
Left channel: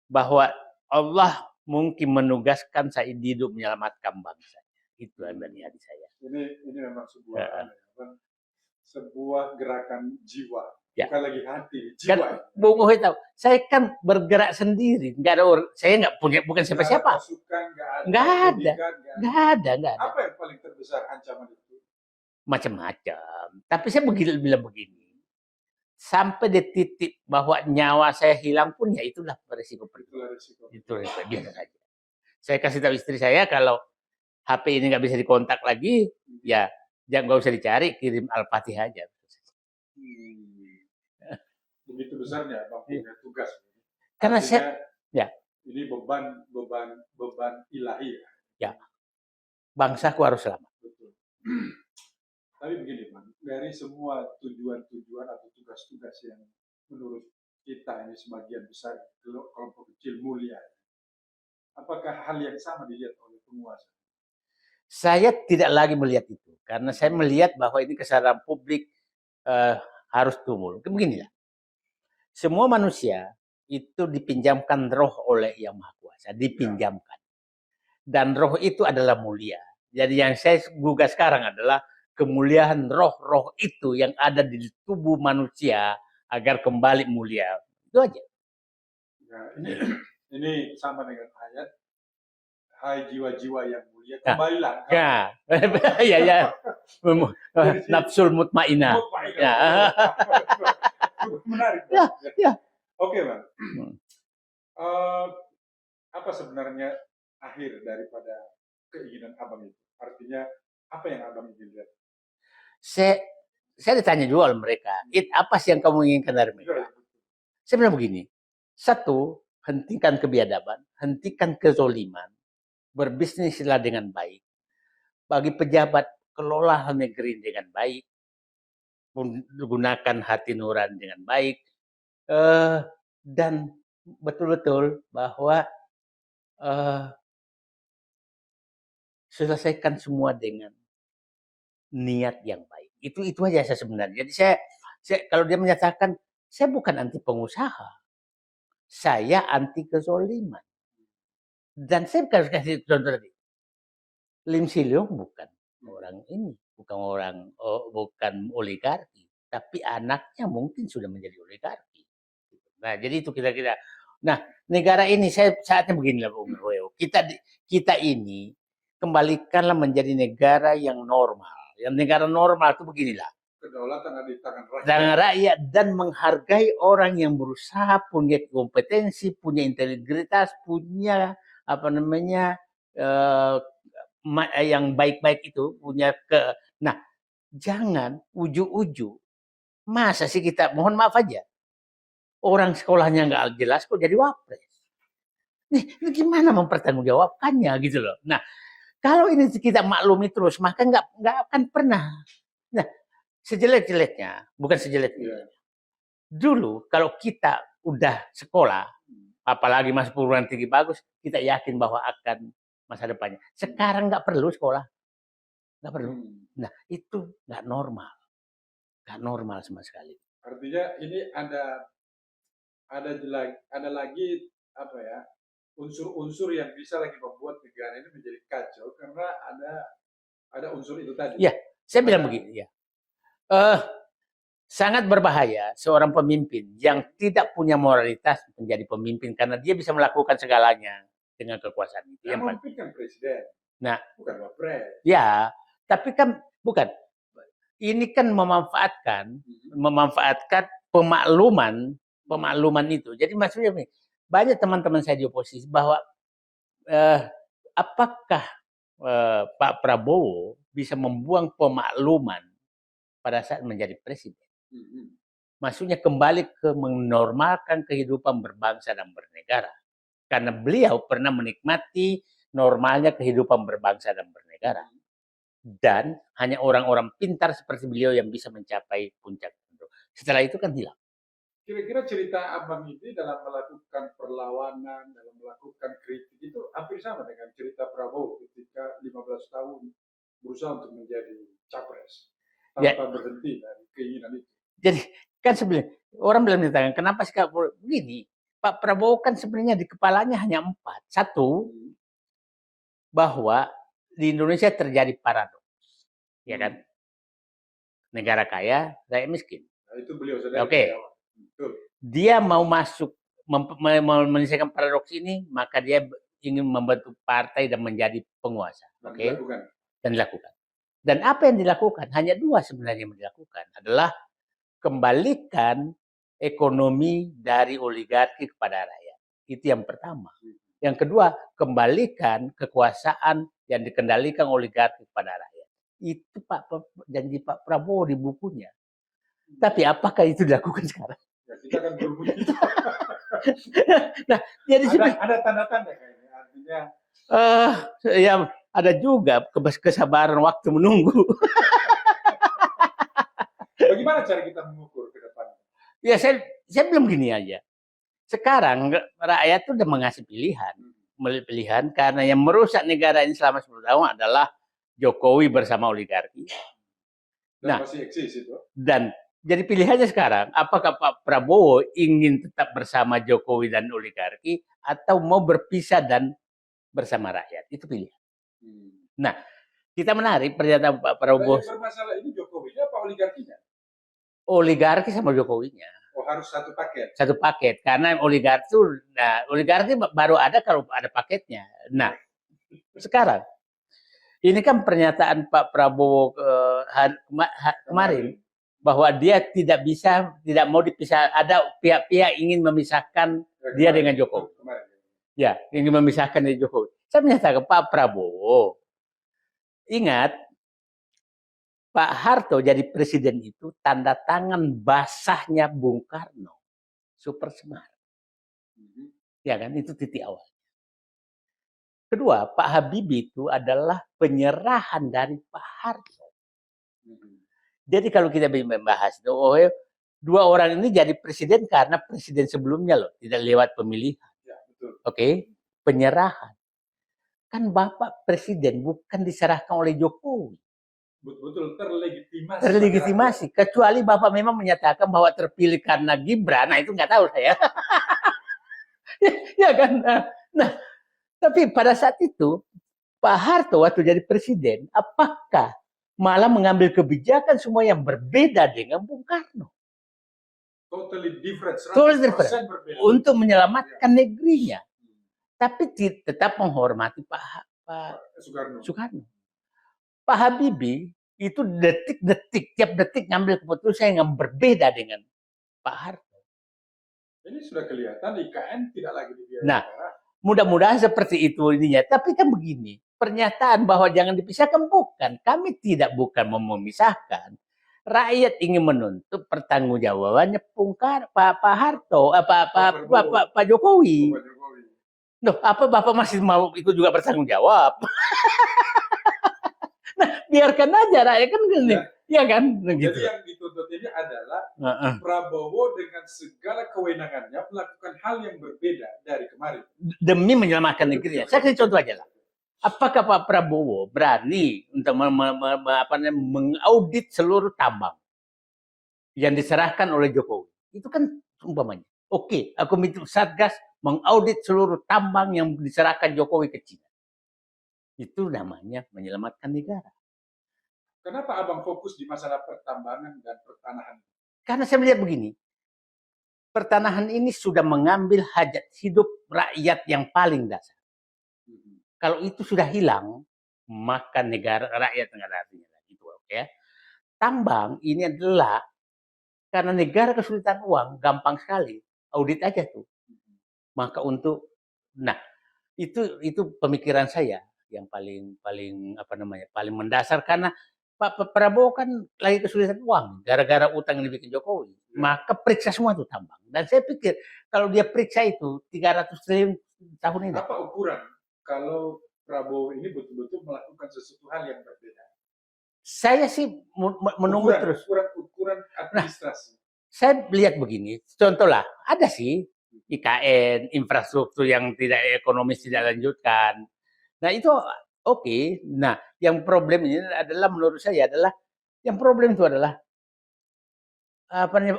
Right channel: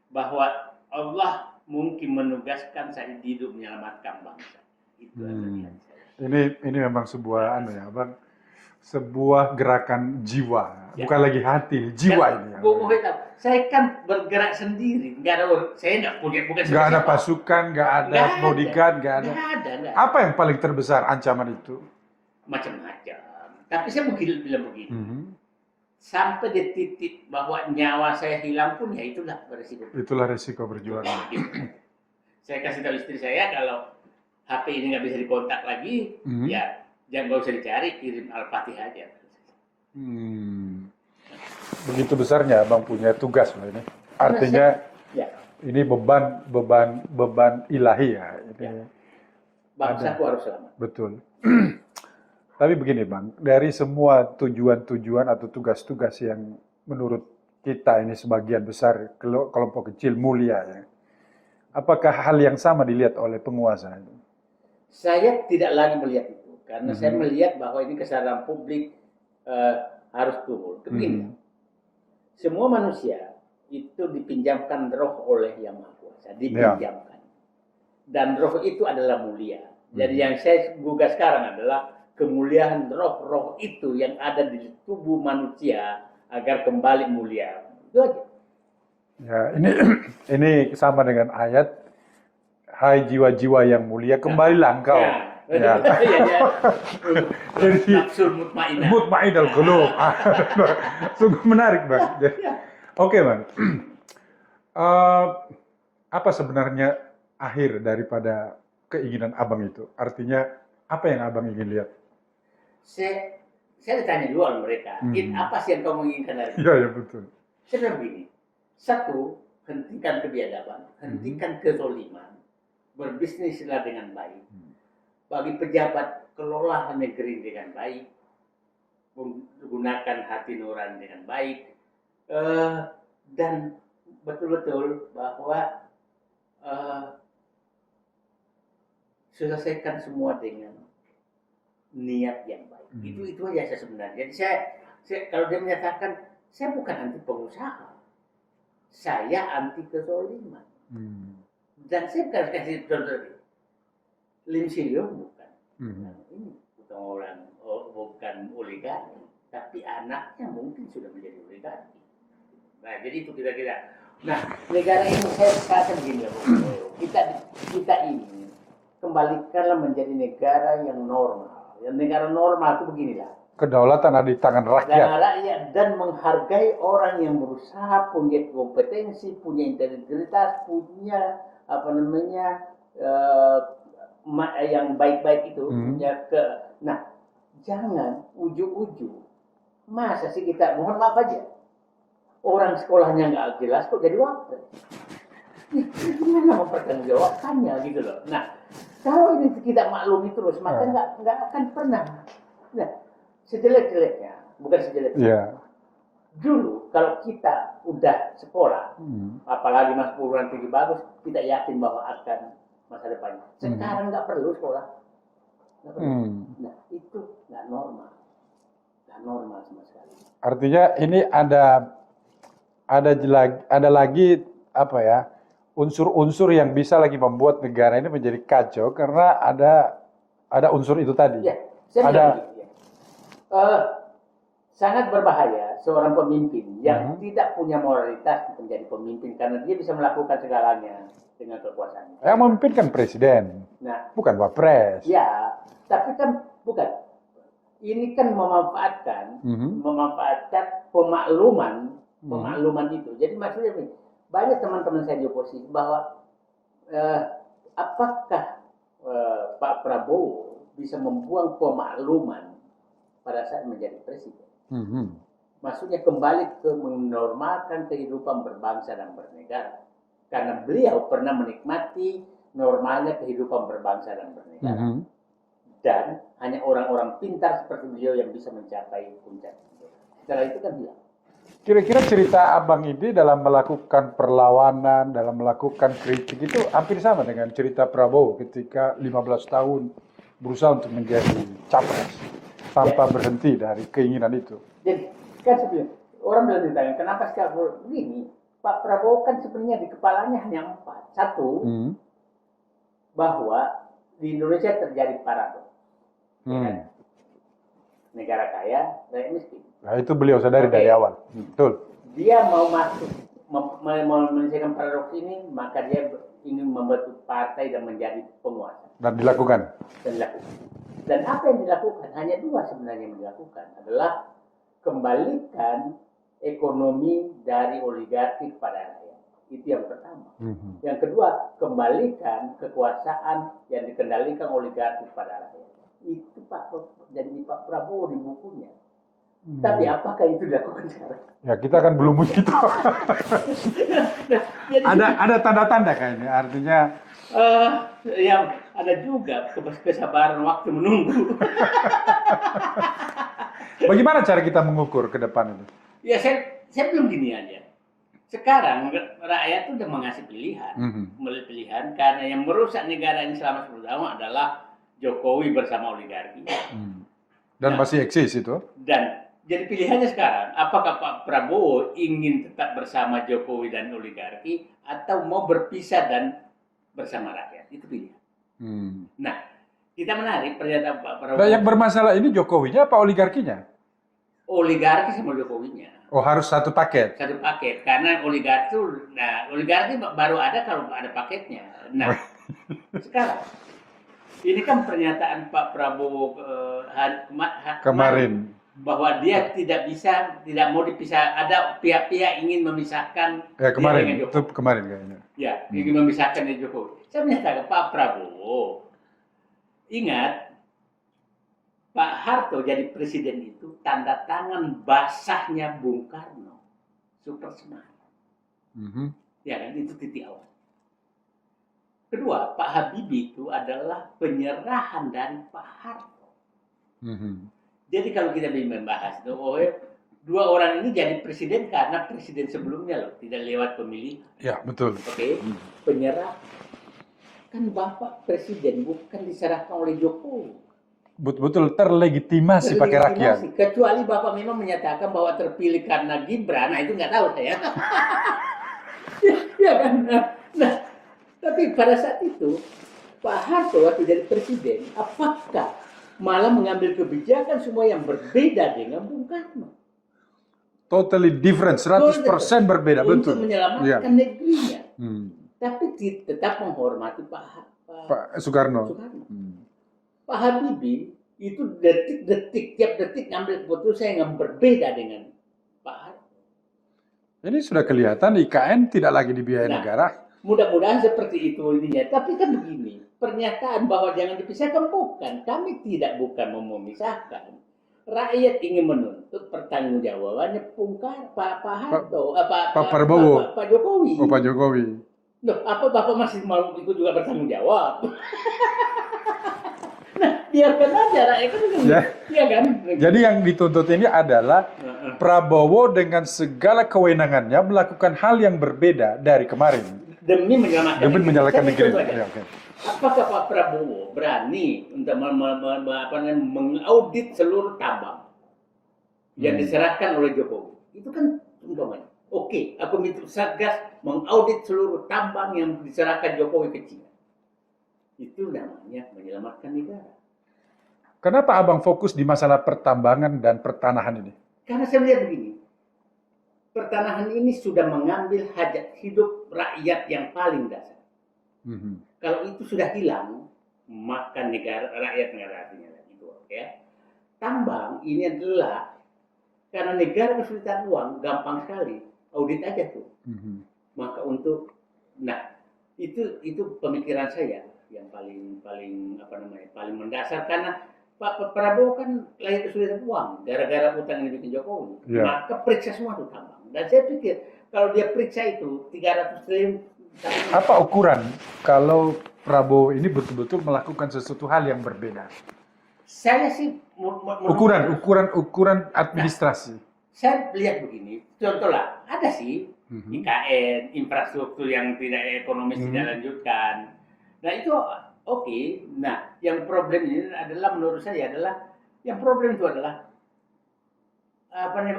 bahwa Allah mungkin menugaskan saya hidup menyelamatkan bangsa. Itu adalah niat saya. Ini memang sebuah Bang, sebuah gerakan jiwa, Ya. bukan lagi hati, jiwa Kan, ini. Bung Hitam, saya kan bergerak sendiri, nggak ada saya nggak punya bukan Nggak ada siapa-siapa. pasukan, nggak ada Nggak ada. bodyguard, nggak ada. Nggak ada. Apa yang paling terbesar ancaman itu? Macam-macam. Tapi saya bilang begini. Sampai di titik bahwa nyawa saya hilang pun ya itulah beresiko. Itulah resiko berjuang. Saya kasih tahu istri saya kalau HP ini nggak bisa dikontak lagi, ya jangan nggak usah dicari, kirim Al-Fatihah aja. Begitu besarnya Bang punya tugas loh ini. Karena Artinya ini beban ilahi ya. Bangsaku harus selamat. Betul. Tapi begini Bang, dari semua tujuan-tujuan atau tugas-tugas yang menurut kita ini sebagian besar kelompok kecil mulia ya. Apakah hal yang sama dilihat oleh penguasa? Saya tidak lagi melihat itu karena saya melihat bahwa ini kesadaran publik harus tumbuh. Begini ya. Semua manusia itu dipinjamkan roh oleh Yang Maha Kuasa, dipinjamkan. Dan roh itu adalah mulia. Jadi yang saya gugah sekarang adalah kemuliaan roh-roh itu yang ada di tubuh manusia agar kembali mulia. Itu aja. Ya, ini sama dengan ayat hai jiwa-jiwa yang mulia kembalilah engkau. Nafsul mutmainah. Mutmainah qulub. Sungguh menarik, Bang. Oke, Bang. Apa sebenarnya akhir daripada keinginan Abang itu? Artinya apa yang Abang ingin lihat? Saya ditanya dulu oleh mereka, apa sih yang kamu inginkan dari Iya, betul. Saya bilang begini, Satu, hentikan kebiadaban, hentikan kezoliman, berbisnislah dengan baik. Bagi pejabat, kelola negeri dengan baik, gunakan hati nurani dengan baik, dan betul-betul bahwa selesaikan semua dengan niat yang baik. Itu aja saya sebenarnya. Jadi saya kalau dia menyatakan saya bukan anti pengusaha, saya anti kezoliman. Dan saya bukan kasih contoh lagi. Lim Siliong bukan orang ini, bukan oligarki, tapi anaknya mungkin sudah menjadi oligarki. Nah, jadi itu kira-kira. Nah, negara ini saya saatnya beginilah, Bu Boyo. Kita ini kembalikanlah menjadi negara yang normal. Yang negara normal itu beginilah. Kedaulatan ada di tangan rakyat. Tangan rakyat dan menghargai orang yang berusaha, punya kompetensi, punya integritas, punya yang baik-baik itu, punya Nah, jangan ujuk-ujuk. Masa sih kita, mohon maaf aja, orang sekolahnya nggak jelas kok jadi wapres. Nih, gimana mempertanggungjawabkannya gitu loh. Nah, kalau ini kita maklumi terus, maka nggak akan pernah. Nah, sejelek-jeleknya, bukan sejelek-jeleknya. Dulu kalau kita udah sekolah, apalagi masuk perguruan tinggi bagus, kita yakin bahwa akan masa depannya. Sekarang nggak perlu sekolah, nggak perlu. Nah, itu nggak normal sama sekali. Artinya ini ada lagi apa ya, unsur-unsur yang bisa lagi membuat negara ini menjadi kacau karena ada unsur itu tadi. Ya, saya bilang begitu ya. Sangat berbahaya seorang pemimpin yang tidak punya moralitas menjadi pemimpin karena dia bisa melakukan segalanya dengan kekuasaan. Yang memimpin kan presiden, bukan wapres. Ya, tapi kan bukan. Ini kan memanfaatkan pemakluman itu. Jadi maksudnya begini, banyak teman-teman saya di oposisi bahwa apakah Pak Prabowo bisa membuang pemakluman pada saat menjadi presiden? Maksudnya kembali ke menormalkan kehidupan berbangsa dan bernegara. Karena beliau pernah menikmati normalnya kehidupan berbangsa dan bernegara. Dan hanya orang-orang pintar seperti beliau yang bisa mencapai puncak itu. Setelah itu kan hilang. Kira-kira cerita Abang ini dalam melakukan perlawanan, dalam melakukan kritik itu hampir sama dengan cerita Prabowo ketika 15 tahun berusaha untuk menjadi capres tanpa berhenti dari keinginan itu. Jadi kan sebenarnya orang bilang ditanya, kenapa sih begini? Pak Prabowo kan sebenarnya di kepalanya hanya 4. Satu, bahwa di Indonesia terjadi paradoks, ya kan? Negara kaya, rakyat miskin. Nah, itu beliau sadari dari awal. Betul. Dia mau masuk, mau menyelesaikan paradoks ini, maka dia ingin membentuk partai dan menjadi penguasa. Dan dilakukan. Dan apa yang dilakukan? Hanya 2 sebenarnya yang dilakukan. Adalah kembalikan ekonomi dari oligarki kepada rakyat. Itu yang pertama. Yang kedua, kembalikan kekuasaan yang dikendalikan oligarki kepada rakyat. Itu janji Pak Prabowo di bukunya. Tapi apakah itu dilakukan sekarang? Ya, kita kan belum begitu. Nah, jadi ada tanda-tanda kayaknya, artinya ya ada juga kesabaran waktu menunggu. Bagaimana cara kita mengukur ke depan ini? Ya saya belum gini aja. Sekarang rakyat itu udah mengasih pilihan. Pilihan karena yang merusak negara ini selama 10 tahun adalah Jokowi bersama oligarki. Dan masih eksis itu. Dan jadi pilihannya sekarang, apakah Pak Prabowo ingin tetap bersama Jokowi dan oligarki atau mau berpisah dan bersama rakyat? Itu pilihan. Nah, kita menarik pernyataan Pak Prabowo. Nah, yang bermasalah ini Jokowinya apa oligarkinya? Oligarki sama Jokowinya. Oh, harus satu paket? Satu paket, karena oligarki itu, oligarki baru ada kalau ada paketnya. Nah, sekarang, ini kan pernyataan Pak Prabowo kemarin bahwa dia tidak mau dipisah, ada pihak-pihak ingin memisahkan dia dengan Jokowi. Itu kemarin kayaknya. Ya, ingin memisahkan dia Jokowi. Saya menyatakan Pak Prabowo, ingat Pak Harto jadi presiden itu tanda tangan basahnya Bung Karno, super semar. Mhm. Ya kan, itu titik awal. Kedua, Pak Habibie itu adalah penyerahan dari Pak Harto. Mhm. Jadi kalau kita membahas itu, dua orang ini jadi presiden karena presiden sebelumnya loh, tidak lewat pemilih. Ya, betul. Oke, penyerahan. Kan Bapak presiden bukan diserahkan oleh Jokowi. Betul terlegitimasi pakai rakyat. Terlegitimasi. Kecuali Bapak memang menyatakan bahwa terpilih karena Gibran, nah itu nggak tahu saya. Ya kan? Nah, tapi pada saat itu, Pak Harto waktu jadi presiden, apakah malah mengambil kebijakan semua yang berbeda dengan Bung Karno? Totally different, Totally 100% berbeda. Untuk betul. menyelamatkan Iya. negerinya. Hmm. Tapi tetap menghormati Pak Soekarno. Soekarno. Hmm. Pak Habibie itu tiap detik ngambil keputusan yang berbeda dengan Pak Harto. Jadi sudah kelihatan IKN tidak lagi dibiayai Nah, negara. mudah-mudahan seperti itu ininya. Tapi kan begini, pernyataan bahwa jangan dipisahkan bukan. Kami bukan mau memisahkan. Rakyat ingin menuntut pertanggungjawabannya Pak Harto, Pak Jokowi. Oh, Pak Jokowi. Loh, apa Bapak masih mau itu juga bertanggung jawab? Nah, biarkan aja rakyat kan, ya kan? Jadi yang dituntut ini adalah Prabowo dengan segala kewenangannya melakukan hal yang berbeda dari kemarin. Demi menyelamatkan negeri. Saya kasih contoh aja. Ya, okay. Apakah Pak Prabowo berani untuk mengaudit seluruh tambang yang diserahkan oleh Jokowi? Itu kan umpamanya. Oke, aku minta Satgas mengaudit seluruh tambang yang diserahkan Jokowi ke China. Itu namanya menyelamatkan negara. Kenapa Abang fokus di masalah pertambangan dan pertanahan ini? Karena saya melihat begini, pertanahan ini sudah mengambil hajat hidup rakyat yang paling dasar. Kalau itu sudah hilang, maka rakyat negara artinya itu, ya. Tambang ini adalah karena negara kesulitan uang, gampang sekali audit aja tuh. Maka itu pemikiran saya yang paling mendasar, karena Pak Prabowo kan lagi kesulitan uang gara-gara utang yang dibikin Jokowi. Ya. Maka periksa semua tuh tambang. Dan saya pikir kalau dia periksa itu 300 triliun tambang. Apa ukuran kalau Prabowo ini betul-betul melakukan sesuatu hal yang berbeda? Saya sih ukuran administrasi. Saya lihat begini, contohlah ada sih IKN, infrastruktur yang tidak ekonomis tidak lanjutkan. Nah itu oke. Nah yang problem ini adalah menurut saya adalah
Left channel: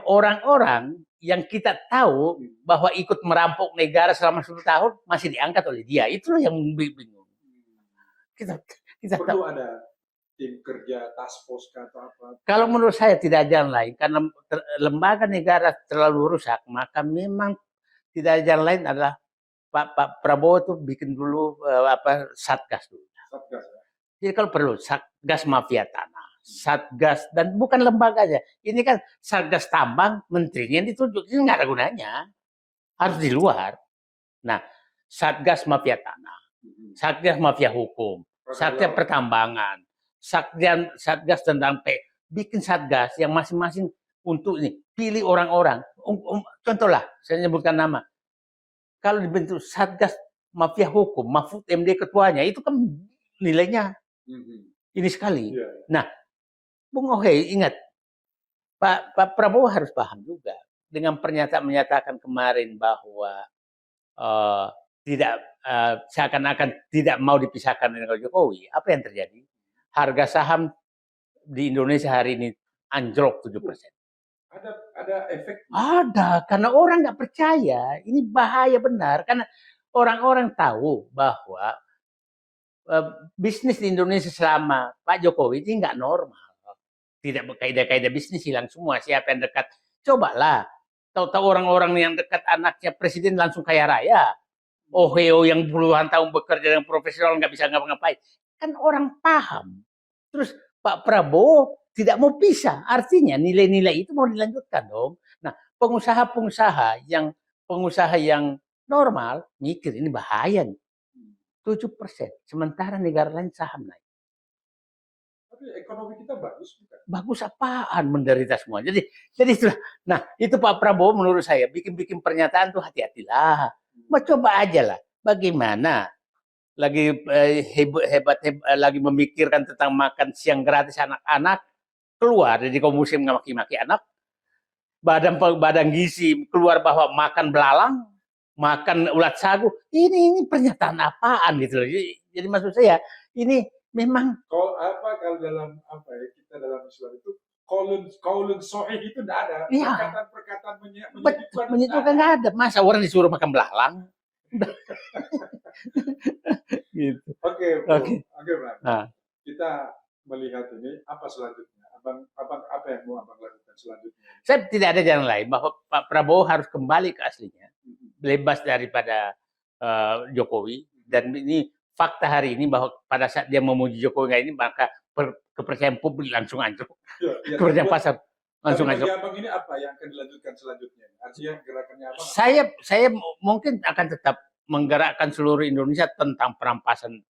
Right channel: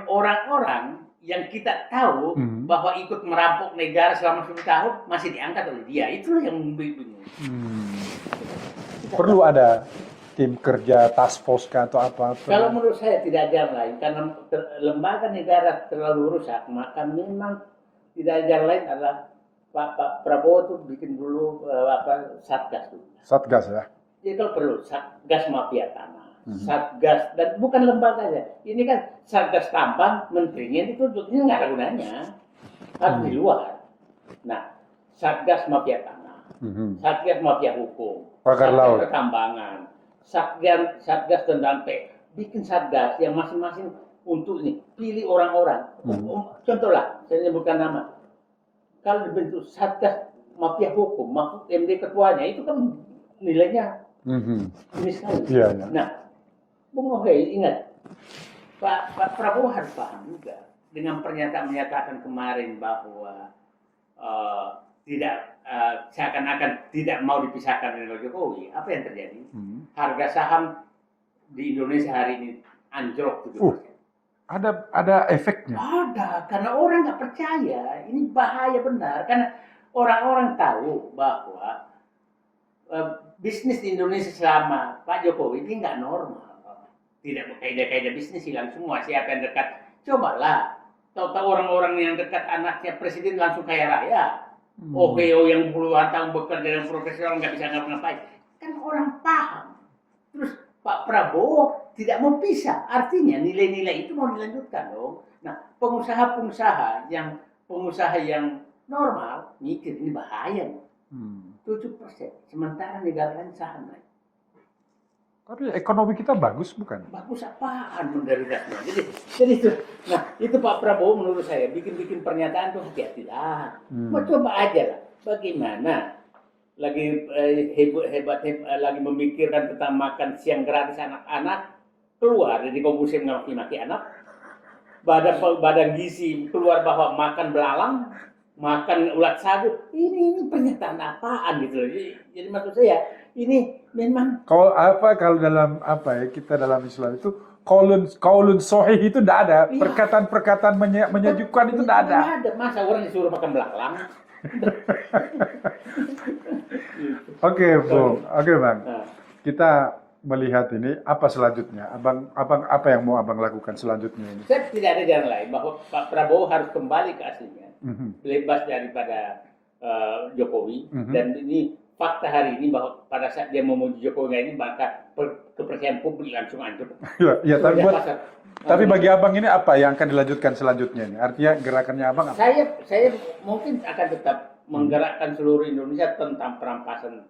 orang-orang yang kita tahu bahwa ikut merampok negara selama 10 tahun masih diangkat oleh dia. Itulah yang bingung. Kita perlu ada tim kerja task force atau apa? Kalau menurut saya tidak ada jalan lain, karena lembaga negara terlalu rusak, maka memang tidak ada jalan lain adalah Pak Prabowo itu bikin dulu Satgas dulu. Satgas ya. Jadi kalau perlu Satgas mafia tanah, Satgas, dan bukan lembaganya. Ini kan Satgas tambang, menterinya ditunjuk, ini nggak ada gunanya, harus di luar. Nah, Satgas mafia tanah, Satgas mafia hukum, Satgas pertambangan, Satgas tentang bikin Satgas yang masing-masing untuk ini pilih orang-orang. Contohlah, saya sebutkan nama. Kalau dibentuk Satgas mafia hukum, Mahfud MD ketuanya, itu kan nilainya ini sekali. Iya. Nah, Bung Ohe ingat, Pak Prabowo harus paham juga dengan menyatakan kemarin bahwa seakan-akan tidak mau dipisahkan dengan Jokowi. Apa yang terjadi? Harga saham di Indonesia hari ini anjlok 7%. Ada efeknya? Ada, karena orang nggak percaya. Ini bahaya benar, karena orang-orang tahu bahwa bisnis di Indonesia selama Pak Jokowi ini nggak normal. Tidak berkaidah-kaidah bisnis, hilang semua. Siapa yang dekat? Cobalah. Tahu-tahu orang-orang yang dekat anaknya presiden langsung kaya raya. Oheo yang puluhan tahun bekerja dengan profesional nggak bisa ngapa-ngapain. Kan orang paham. Terus Pak Prabowo tidak mau pisah. Artinya nilai-nilai itu mau dilanjutkan dong. Nah, pengusaha yang normal mikir ini bahaya nih. 7%. Sementara negara lain saham naik. Tapi ekonomi kita bagus bukan? Bagus apaan, menderita semua. Jadi itu. Nah, itu Pak Prabowo menurut saya bikin pernyataan tuh hati-hatilah. Coba aja lah, bagaimana lagi hebat, lagi memikirkan tentang makan siang gratis anak-anak, keluar dari komisi maki-maki anak, badan gizi keluar bahwa makan belalang, makan ulat sagu. Ini pernyataan apaan gitu. Jadi maksud saya ini memang Kalau dalam kita dalam Islam itu kaulun sohih itu tidak ada, iya, perkataan menyejukkan itu tidak ada. Nggak ada. Masa orang disuruh makan belalang? Gitu. Oke, Bung. Oke, Bang. Nah, Kita melihat ini apa selanjutnya? Abang apa yang mau Abang lakukan selanjutnya ini? saya tidak ada jalan lain bahwa Pak Prabowo harus kembali ke aslinya, Mhm. bebas daripada Jokowi. Mhm. Dan ini fakta hari ini bahwa pada saat dia memuji Jokowi ini maka kepercayaan publik langsung hancur. Iya, Kerja tapi, pasar. tapi langsung bagi hancur. Abang ini apa yang akan dilanjutkan selanjutnya ini? Artinya gerakannya Abang apa? Saya mungkin akan tetap menggerakkan seluruh Indonesia tentang perampasan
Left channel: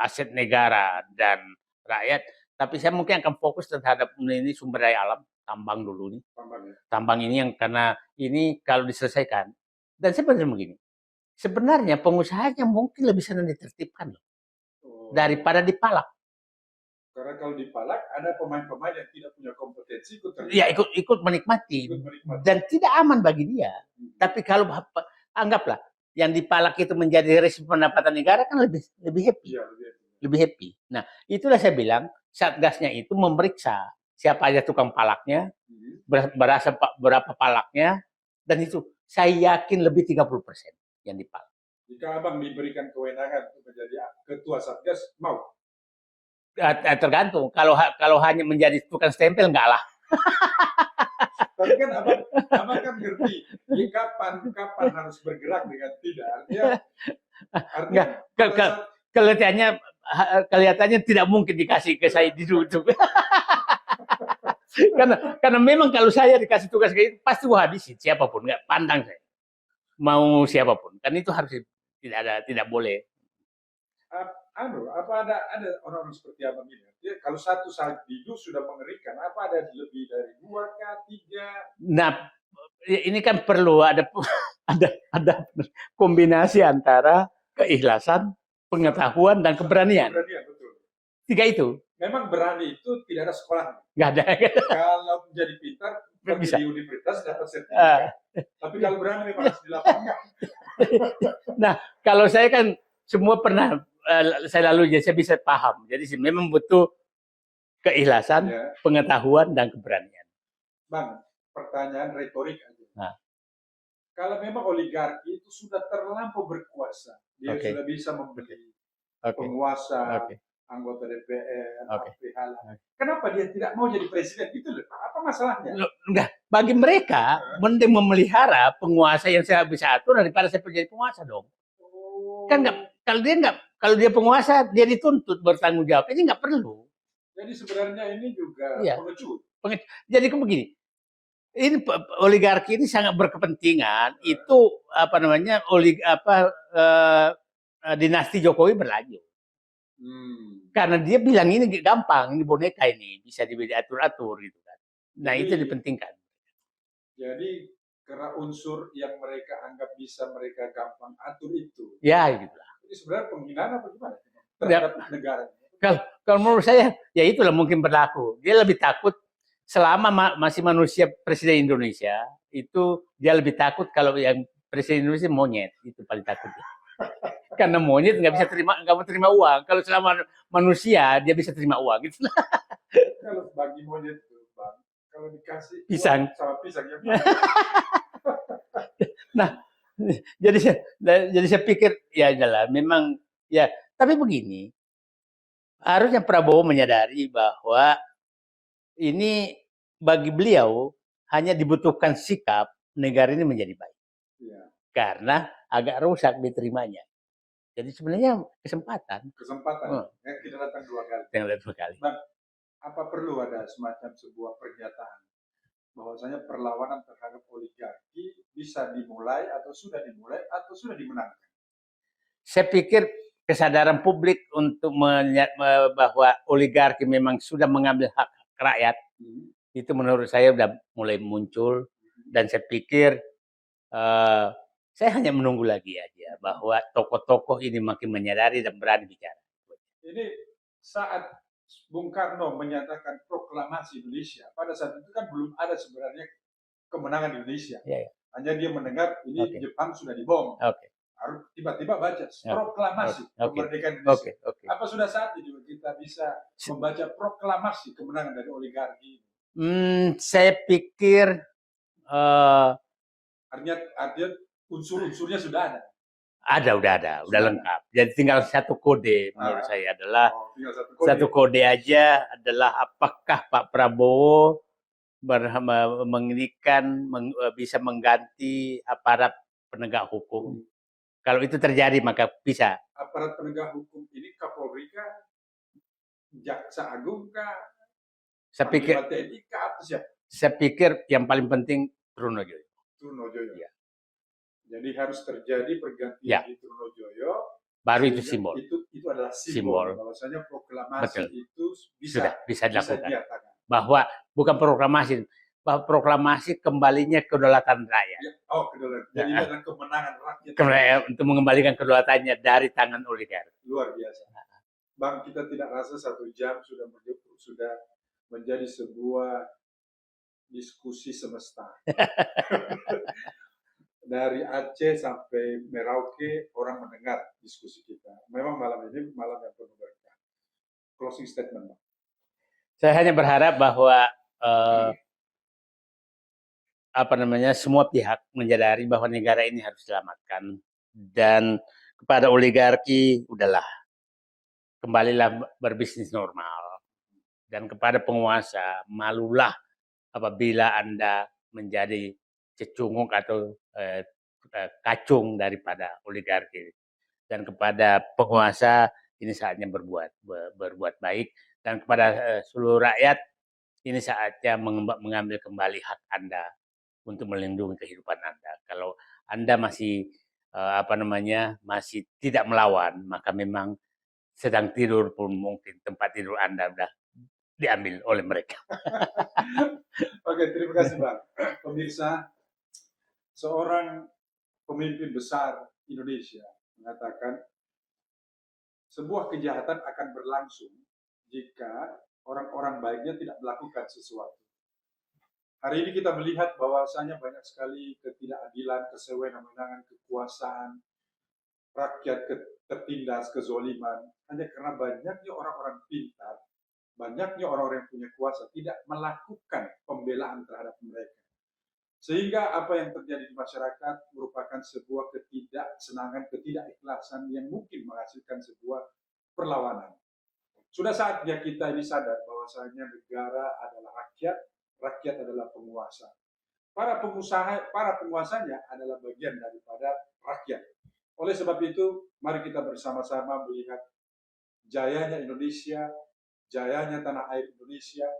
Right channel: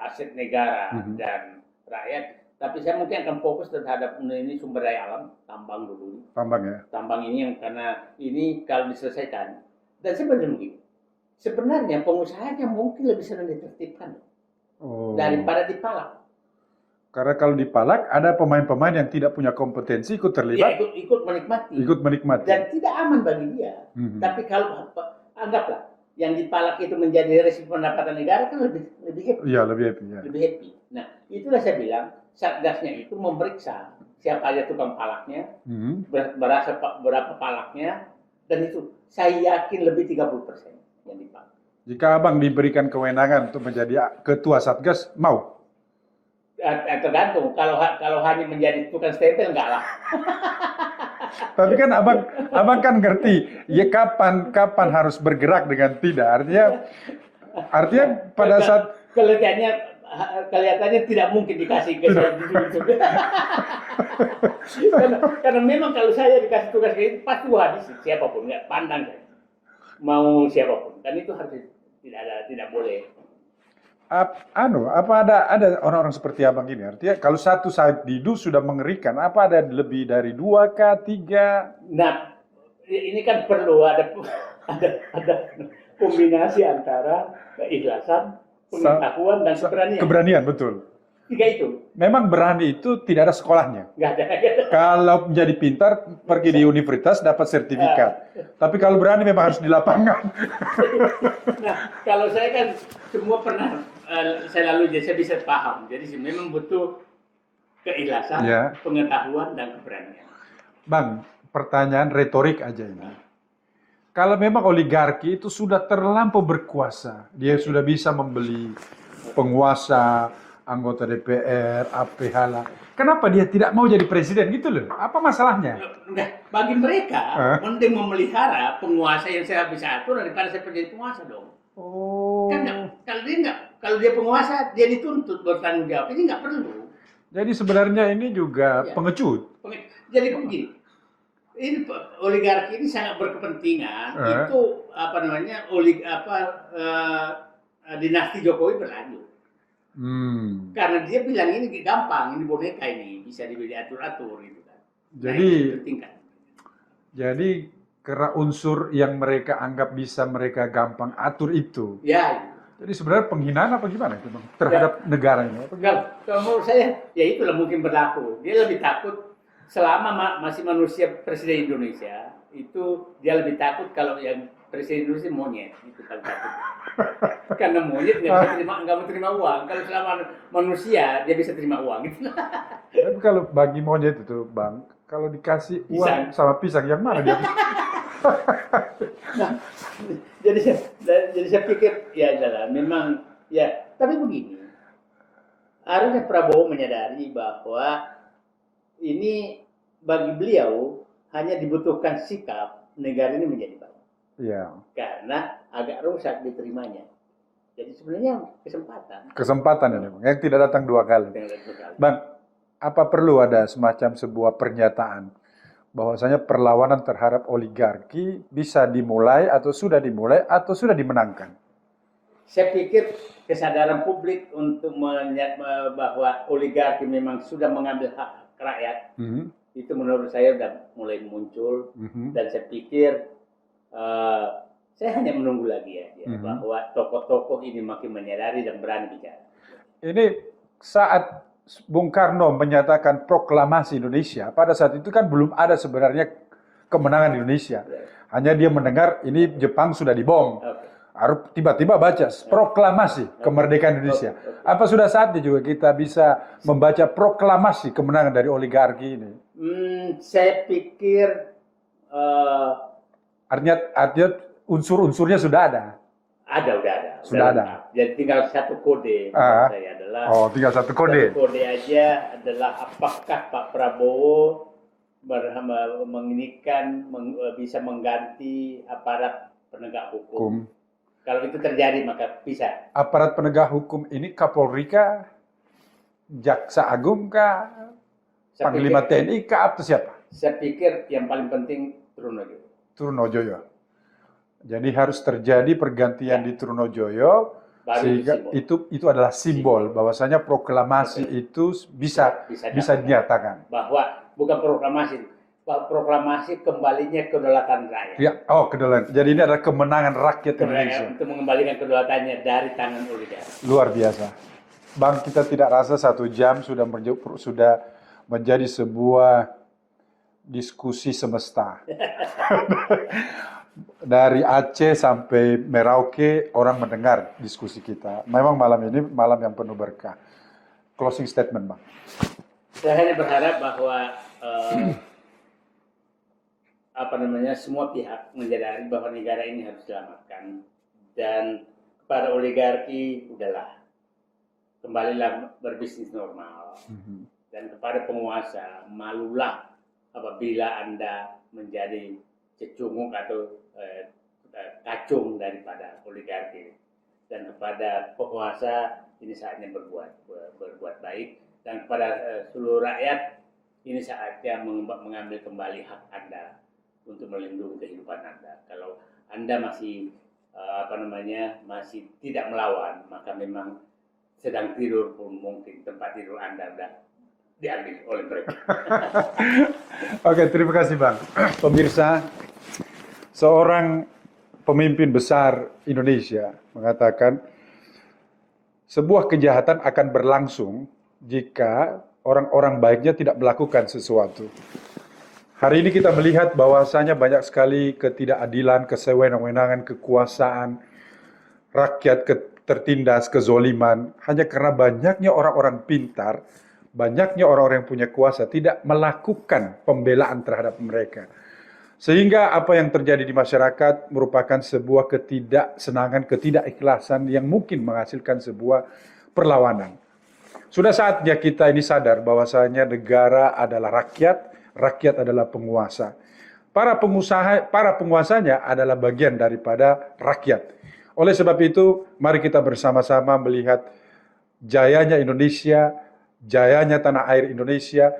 aset negara dan rakyat. Tapi saya mungkin akan fokus terhadap ini sumber daya alam, tambang dulu nih. Tambang ya. Tambang ini yang karena ini kalau diselesaikan. Dan sebenarnya begini, sebenarnya pengusahanya mungkin lebih senang ditertibkan daripada dipalak. Karena kalau dipalak ada pemain-pemain yang tidak punya kompetensi ikut Ya terlibat, ikut menikmati. ikut menikmati. Dan tidak aman bagi dia. Tapi kalau anggaplah yang dipalak itu menjadi resi pendapatan negara kan lebih happy. Iya, lebih happy. Ya. Lebih happy. Nah, itulah saya bilang Satgasnya itu memeriksa siapa aja tukang palaknya, berapa palaknya, dan itu saya yakin lebih 30% yang dipalak. Jika Abang diberikan kewenangan untuk menjadi ketua Satgas, mau? Tergantung. Kalau hanya menjadi tukang stempel enggak lah. Tapi kan abang kan ngerti, ya kapan harus bergerak dengan tidak. Artinya pada saat kelihatannya tidak mungkin dikasih ke saya ditunjuk. karena memang kalau saya dikasih tugas kayak ini pasti gua habisin siapapun, nggak pandang saya. Mau siapapun. Kan itu harus tidak boleh. apa ada orang-orang seperti Abang ini? Artinya kalau satu Said Didu sudah mengerikan, apa ada lebih dari 2 kah, 3? Nah, ini kan perlu ada kombinasi antara keikhlasan, pengetahuan dan keberanian. Keberanian, betul. 3 itu. Memang berani itu tidak ada sekolahnya. Nggak ada. Kalau menjadi pintar, pergi di universitas dapat sertifikat. Tapi kalau berani memang harus di lapangan. Nah, kalau saya kan semua pernah saya lalui, jadi saya bisa paham. Jadi memang butuh keikhlasan, pengetahuan dan keberanian. Bang, pertanyaan retorik aja ini. Kalau memang oligarki itu sudah terlampau berkuasa, dia sudah bisa membeli penguasa, anggota DPR, APH lah. Kenapa dia tidak mau jadi presiden gitu loh? Apa masalahnya? Enggak, bagi mereka mending memelihara penguasa yang saya bisa atur daripada saya menjadi penguasa dong. Kan kalau dia penguasa dia dituntut bertanggung jawab, ini nggak perlu. Jadi sebenarnya ini juga pengecut. Jadi begini, ini oligarki ini sangat berkepentingan. Itu dinasti Jokowi berlanjut. Karena dia bilang ini gampang, ini boneka ini bisa diatur-atur gitu kan. Nah, Jadi, itu dipentingkan. Jadi karena unsur yang mereka anggap bisa mereka gampang atur itu. Ya gitu. Jadi sebenarnya penghinaan apa gimana itu Bang? Terhadap negaranya? Kalau menurut saya ya itulah mungkin berlaku. Dia lebih takut selama masih manusia presiden Indonesia itu dia lebih takut kalau yang presiden Indonesia monyet, itu paling takut. Karena monyet nggak mau terima uang. Kalau selama manusia dia bisa terima uang gitu. Tapi kalau bagi monyet itu Bang, kalau dikasih pisang uang sama pisang yang mana? Nah, jadi saya pikir ya adalah memang ya. Tapi begini, harusnya Prabowo menyadari bahwa ini bagi beliau hanya dibutuhkan sikap negara ini menjadi baik. Iya. Karena agak rusak diterimanya. Jadi sebenarnya kesempatan ini, yang tidak datang 2 kali. Bang, apa perlu ada semacam sebuah pernyataan bahwasanya perlawanan terhadap oligarki bisa dimulai atau sudah dimenangkan? Saya pikir kesadaran publik untuk bahwa oligarki memang sudah mengambil hak rakyat, itu menurut saya sudah mulai muncul. Dan saya pikir saya hanya menunggu lagi aja bahwa tokoh-tokoh ini makin menyadari dan berani bicara. Ini saat Bung Karno menyatakan proklamasi Indonesia, pada saat itu kan belum ada sebenarnya kemenangan Indonesia. Hanya dia mendengar ini Jepang sudah dibom. Harus tiba-tiba baca proklamasi kemerdekaan Indonesia. Apa sudah saatnya juga kita bisa membaca proklamasi kemenangan dari oligarki ini? Saya pikir artinya unsur-unsurnya sudah ada. Udah ada. Lengkap. Jadi tinggal satu kode menurut saya adalah. Tinggal satu kode. Satu kode aja adalah apakah Pak Prabowo bisa mengganti aparat penegak hukum. Kalau itu terjadi maka bisa. Aparat penegak hukum ini Kapolri kah? Jaksa Agung kah? Panglima TNI kah? Atau siapa? Saya pikir yang paling penting Trunojoyo. Trunojoyo. Ya. Jadi harus terjadi pergantian di Trunojoyo. Baru itu simbol. Itu adalah simbol bahwasanya proklamasi itu bisa dinyatakan. Bahwa bukan proklamasi, bahwa proklamasi kembalinya kedaulatan rakyat. Ya, kedaulatan. Jadi ini adalah kemenangan rakyat untuk mengembalikan kedaulatannya dari tangan oligarki. Luar biasa. Bang, kita tidak rasa 1 jam sudah menjadi sebuah diskusi semesta. Dari Aceh sampai Merauke orang mendengar diskusi kita. Memang malam ini malam yang penuh berkah. Closing statement, Bang. Saya hanya berharap bahwa semua pihak menyadari bahwa negara ini harus diselamatkan, dan kepada oligarki udahlah, kembalilah berbisnis normal. Dan kepada penguasa, malulah apabila Anda menjadi cecunguk atau kacung daripada oligarki. Dan kepada penguasa ini saatnya berbuat baik, dan kepada seluruh rakyat ini saatnya mengambil kembali hak Anda untuk melindungi kehidupan Anda. Kalau Anda masih masih tidak melawan, maka memang sedang tidur pun mungkin tempat tidur Anda sudah diambil oleh mereka. Oke, terima kasih, Bang. Pemirsa, seorang pemimpin besar Indonesia mengatakan sebuah kejahatan akan berlangsung jika orang-orang baiknya tidak melakukan sesuatu. Hari ini kita melihat bahwasanya banyak sekali ketidakadilan, kesewenang-wenangan, kekuasaan, rakyat tertindas, kezoliman, hanya karena banyaknya orang-orang pintar, banyaknya orang-orang yang punya kuasa tidak melakukan pembelaan terhadap mereka. Sehingga apa yang terjadi di masyarakat merupakan sebuah ketidaksenangan, ketidakikhlasan yang mungkin menghasilkan sebuah perlawanan. Sudah saatnya kita ini sadar bahwasanya negara adalah rakyat, rakyat adalah penguasa. Para penguasanya adalah bagian daripada rakyat. Oleh sebab itu, mari kita bersama-sama melihat jayanya Indonesia, jayanya tanah air Indonesia,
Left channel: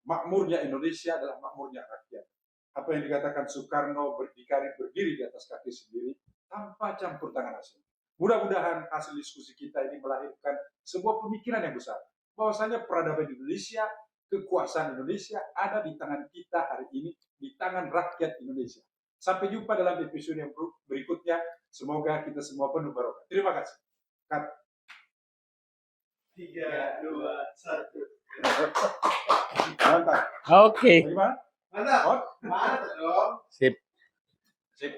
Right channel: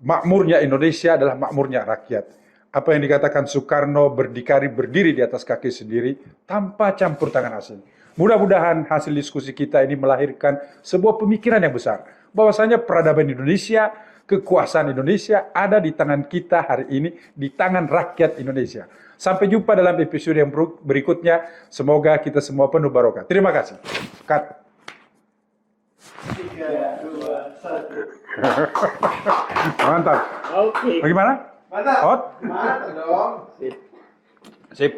makmurnya Indonesia adalah makmurnya rakyat. Apa yang dikatakan Soekarno, berdiri di atas kaki sendiri tanpa campur tangan asing. Mudah-mudahan hasil diskusi kita ini melahirkan sebuah pemikiran yang besar. Bahwasanya peradaban Indonesia, kekuasaan Indonesia ada di tangan kita hari ini, di tangan rakyat Indonesia. Sampai jumpa dalam episode yang berikutnya. Semoga kita semua penuh barokah. Terima kasih. Cut. 3, 2, 1. Mantap. Oke. Bagaimana? Mantap. Out? Mantap dong. Sip. Sip.